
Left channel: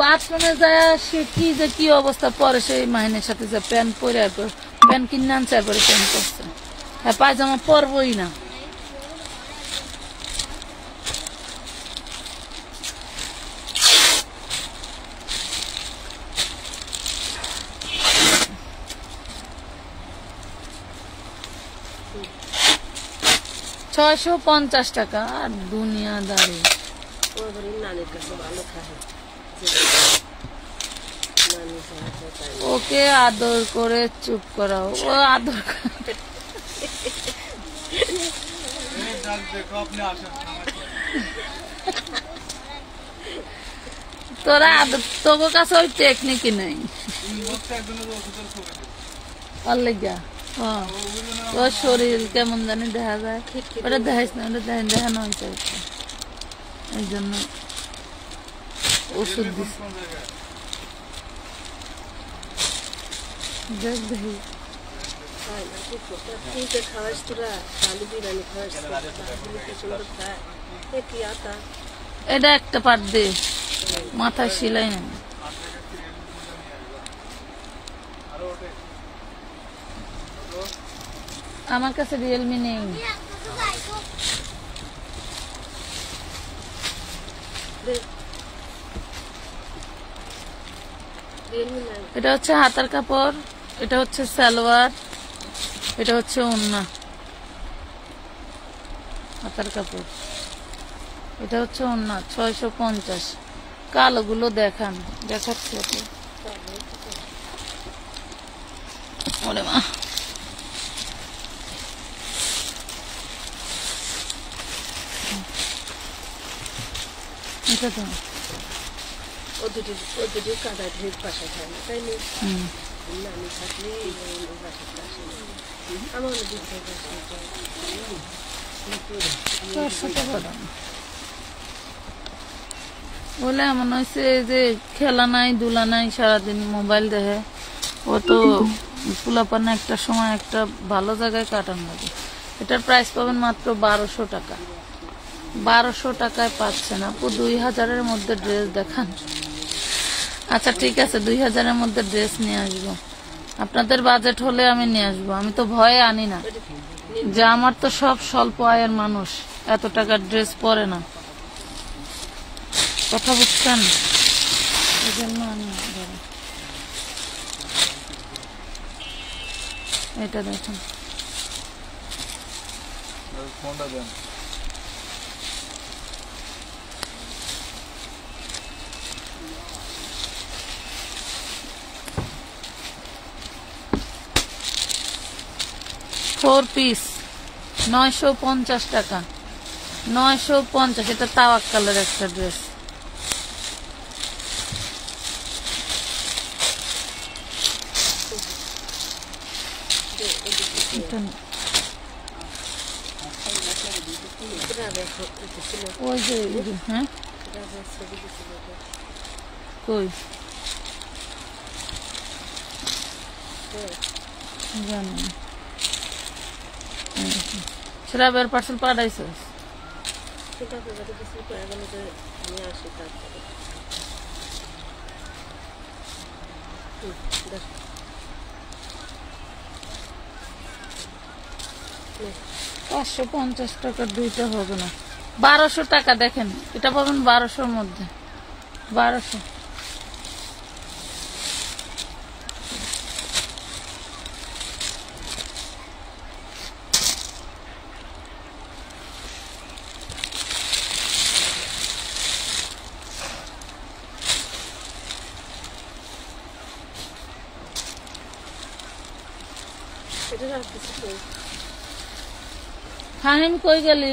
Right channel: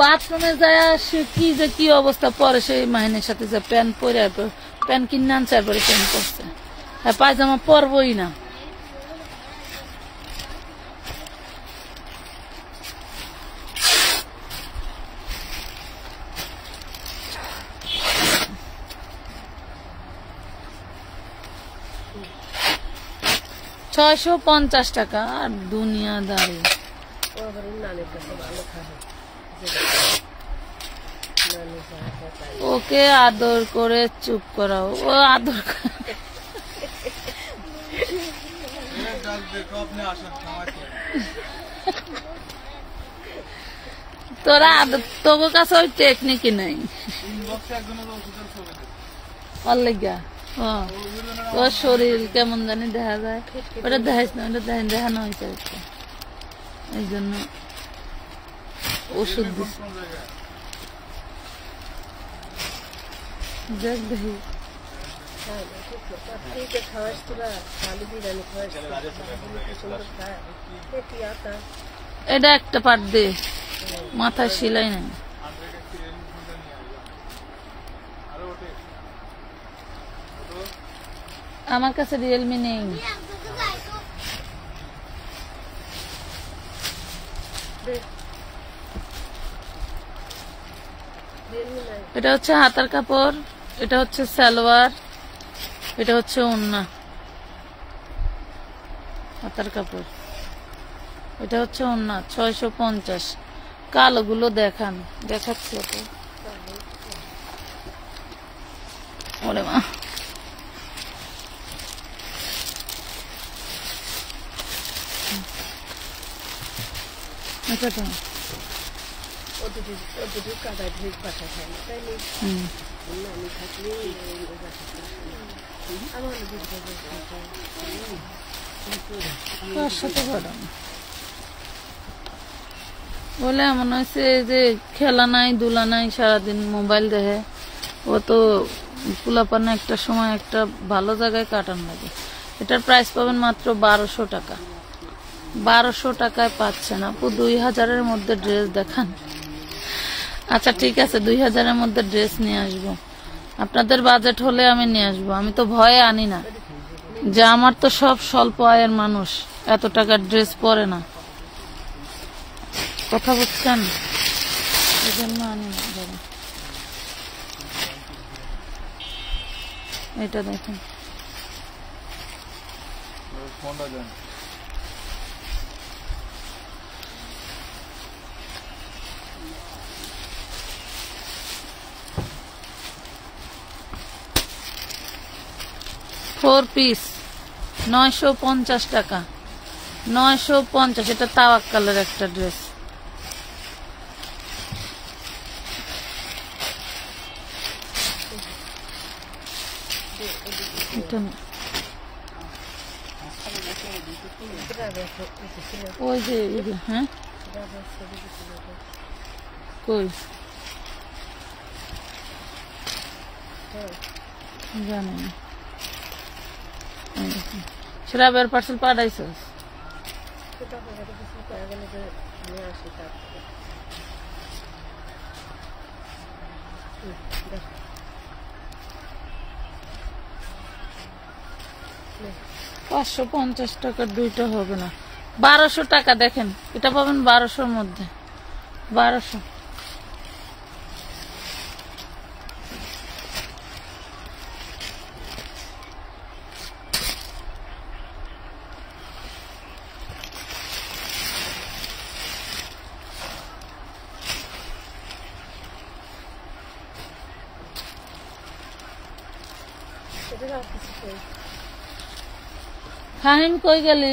বাথরুমে যায় সে কি যে কি অবস্থা পরে, সেই মাহিনের সাথে যে প্যান্ট পরে প্যান্ট কিনে আনছে, পরে প্যান্ট করছে, আর পায়জামা পরবই না। টাকা আর দুনিয়াদারি। ওকে আদর করে চুপ করাও, ও আদর তোরা আদর, তোর কাছে ওই টেকনিকই নেই। তোর শরীর কেমন জানি দেখা যায়, ওটা দেখাইস না, ওটা দেখানো হয়েছে, এই জন্য ওষুধ দিস। দেখ দেখি এটা একটা পাট দে, মাথায় সেলাই না। আমার কাছে রিয়েলমি নেই। এটা হচ্ছে হাতার কাপড়, এটা হচ্ছে সালোয়ার, এটা হচ্ছে ওড়না। হাতার কাপড়, এটা হচ্ছে ওড়না। 650। কালোগুলো দেখান, দেখাচ্ছি। ওরে মা, এটা তো বলে এমন হয়েছে যে খেলা নাই ধুলা নাই, সারাদিন মোবাইল দেখে। ও তো পোলাপানে একটা সময় একটা ভালো জায়গায় কাটান লাগে। এটার প্রাইস পাবেন মাত্র 1200 টাকা। 1200 টাকায় পাচ্ছেন আপু। 2000-এর মধ্যে ড্রেস দেখান। আচ্ছা ঠিক আছে, 2000-এর মধ্যে ড্রেস নিয়ে আসবো। আপনাদের বাজেট হলে আমি নিয়ে আসবো। আমি তো ভয়ে আনি না, যে আমার তো সব স্বল্প আয়ের মানুষ, এত টাকার ড্রেস পরে না। কথা বুঝছেন? এই জন্য আমি এটা দেখেন। ফোর পিস 950 টাকা। 950। এটা তাওয়াক্কালের একটা ড্রেস। এটা না, ওই যে হ্যাঁ কই জানি না। শ্রাবের পার্সেল পাঠাইছিস? $550 দুইটা হবে না, 1200 টাকা। দেখেন এটা পাবেন 1200-র মধ্যে, 1200। ফাহিম কই গেলি?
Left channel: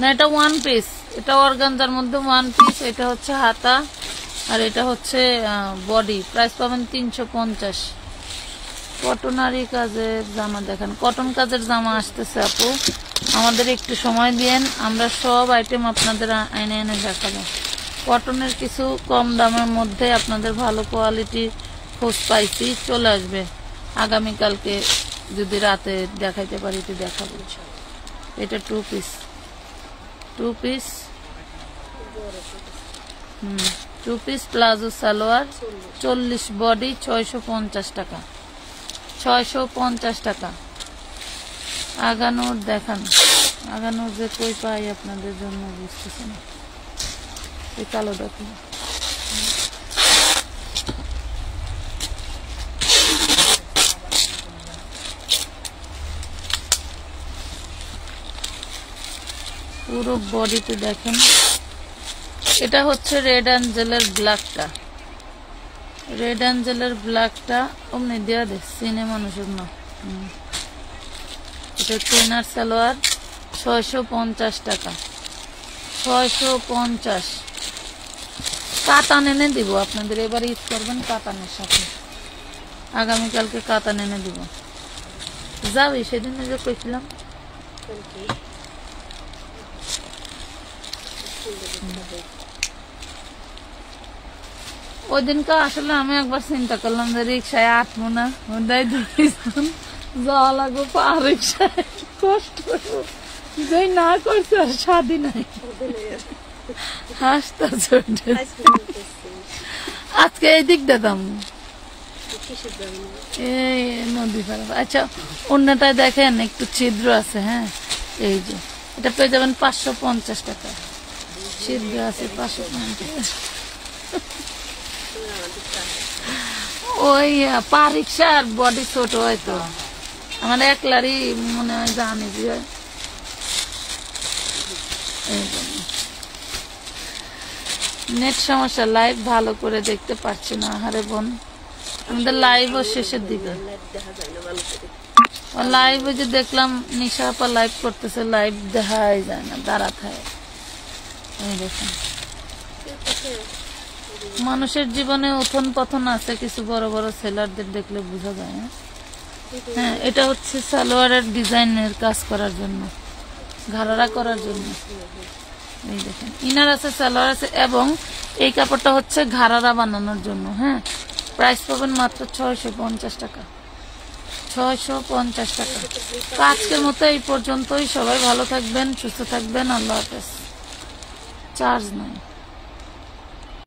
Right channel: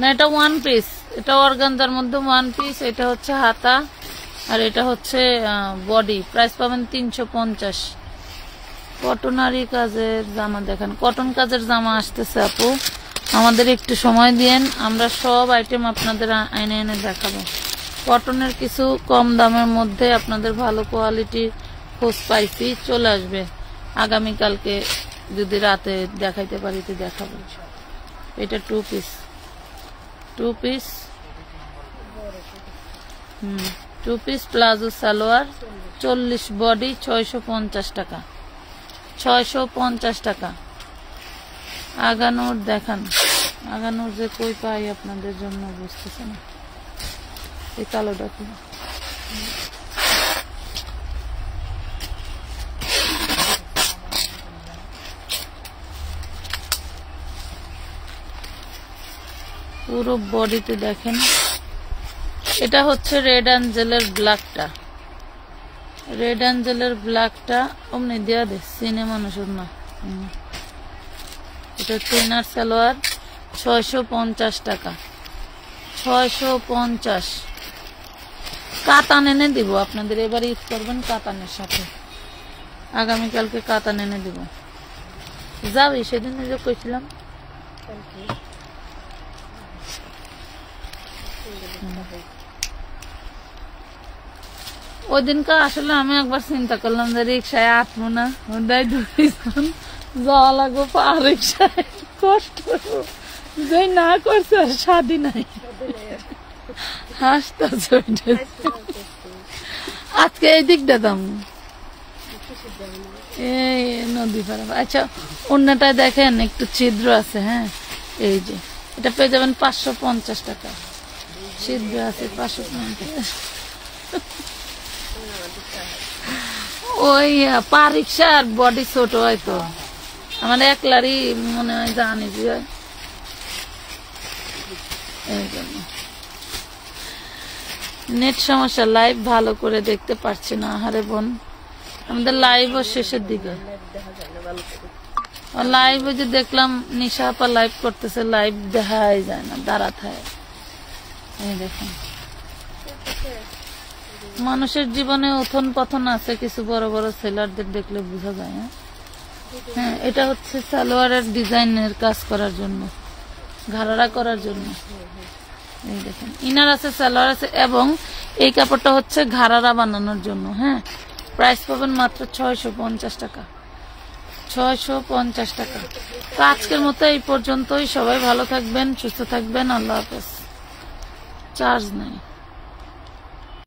না এটা ওয়ান পিস, এটা অর্গানজার মধ্যে ওয়ান পিস। এটা হচ্ছে হাতা আর এটা হচ্ছে বডি। প্রাইস পাবেন 350। কটনারি কাজের জামা দেখেন, কটন কাজের জামা আসতেছে আপু, আমাদের একটু সময় দিয়েন, আমরা সব আইটেম আপনাদের এনে এনে দেখাবো। কটনের কিছু কম দামের মধ্যে আপনাদের ভালো কোয়ালিটি খোঁজ পাইছি, চলে আসবে আগামীকালকে, যদি রাতে দেখাইতে পারি তো দেখাবো। এটা 2 piece, 2 piece 2 piece palazzo salwar, 40 body, 650 টাকা, 650 টাকা। আগানোর দেখান, আগানোর যে কই পাই আপনাদের জন্য বুঝতেছেন। এই কালো দেখুন, পুরো বডিতে দেখেন। এটা হচ্ছে রেড অ্যাঞ্জেলের ব্ল্যাকটা, রেড অ্যাঞ্জেলের ব্ল্যাকটা অমনি দেওয়া দে সিনে মানুষের না। এটা হচ্ছে ইনার সালোয়ার, 650 টাকা, 650। কাতান এনে দিব আপনাদের, এবারে ঈদ করবেন কাতানের সাথে, আগামীকালকে কাতান এনে দিব। যাবি সেদিন যে কইছিলাম, ওই দিনকে আসলে আমি একবার চিন্তা করলাম যে রিক্সায় আটবো না, যাওয়া লাগবো পা রিক্সায়, কষ্ট যে না করছে স্বাদী নাই। হাসতে আজকে এই দিক দিতাম এই নদী পাড়া। আচ্ছা অন্যটায় দেখেন একটু ছিদ্র আছে, হ্যাঁ এই যে এটা পেয়ে যাবেন 550 টাকা, ছিদ্র আছে 550। ওই পা রিক্সার বডি ছোট হয়তো, আমার একলারই মনে হয় জানি বুঝে, নেট সমস্যা, লাইভ ভালো করে দেখতে পাচ্ছি না। আরে বোন আমাদের লাইভও শেষের দিকে, লাইভে যে দেখলাম নিশা আপা লাইভ করতেছে, লাইভ দেখাই যায় না, দাঁড়াতে হয়। দেখেন মানুষের জীবনে উথন পথন আছে, কিছু বড় বড় সেলারদের দেখলে বোঝা যায়। হ্যাঁ এটা হচ্ছে সালোয়ারের ডিজাইনের কাজ করার জন্য, ঘাড়া করার জন্য। এই দেখেন ইনার আছে, সালোয়ার আছে, এবং এই কাপড়টা হচ্ছে ঘাড়া বানানোর জন্য। হ্যাঁ প্রাইস পাবেন মাত্র 650 টাকা, 650 টাকা। তো আজকের মতো এই পর্যন্তই, সবাই ভালো থাকবেন, সুস্থ থাকবেন, আল্লাহ হাফেজ। চার্জ নাই।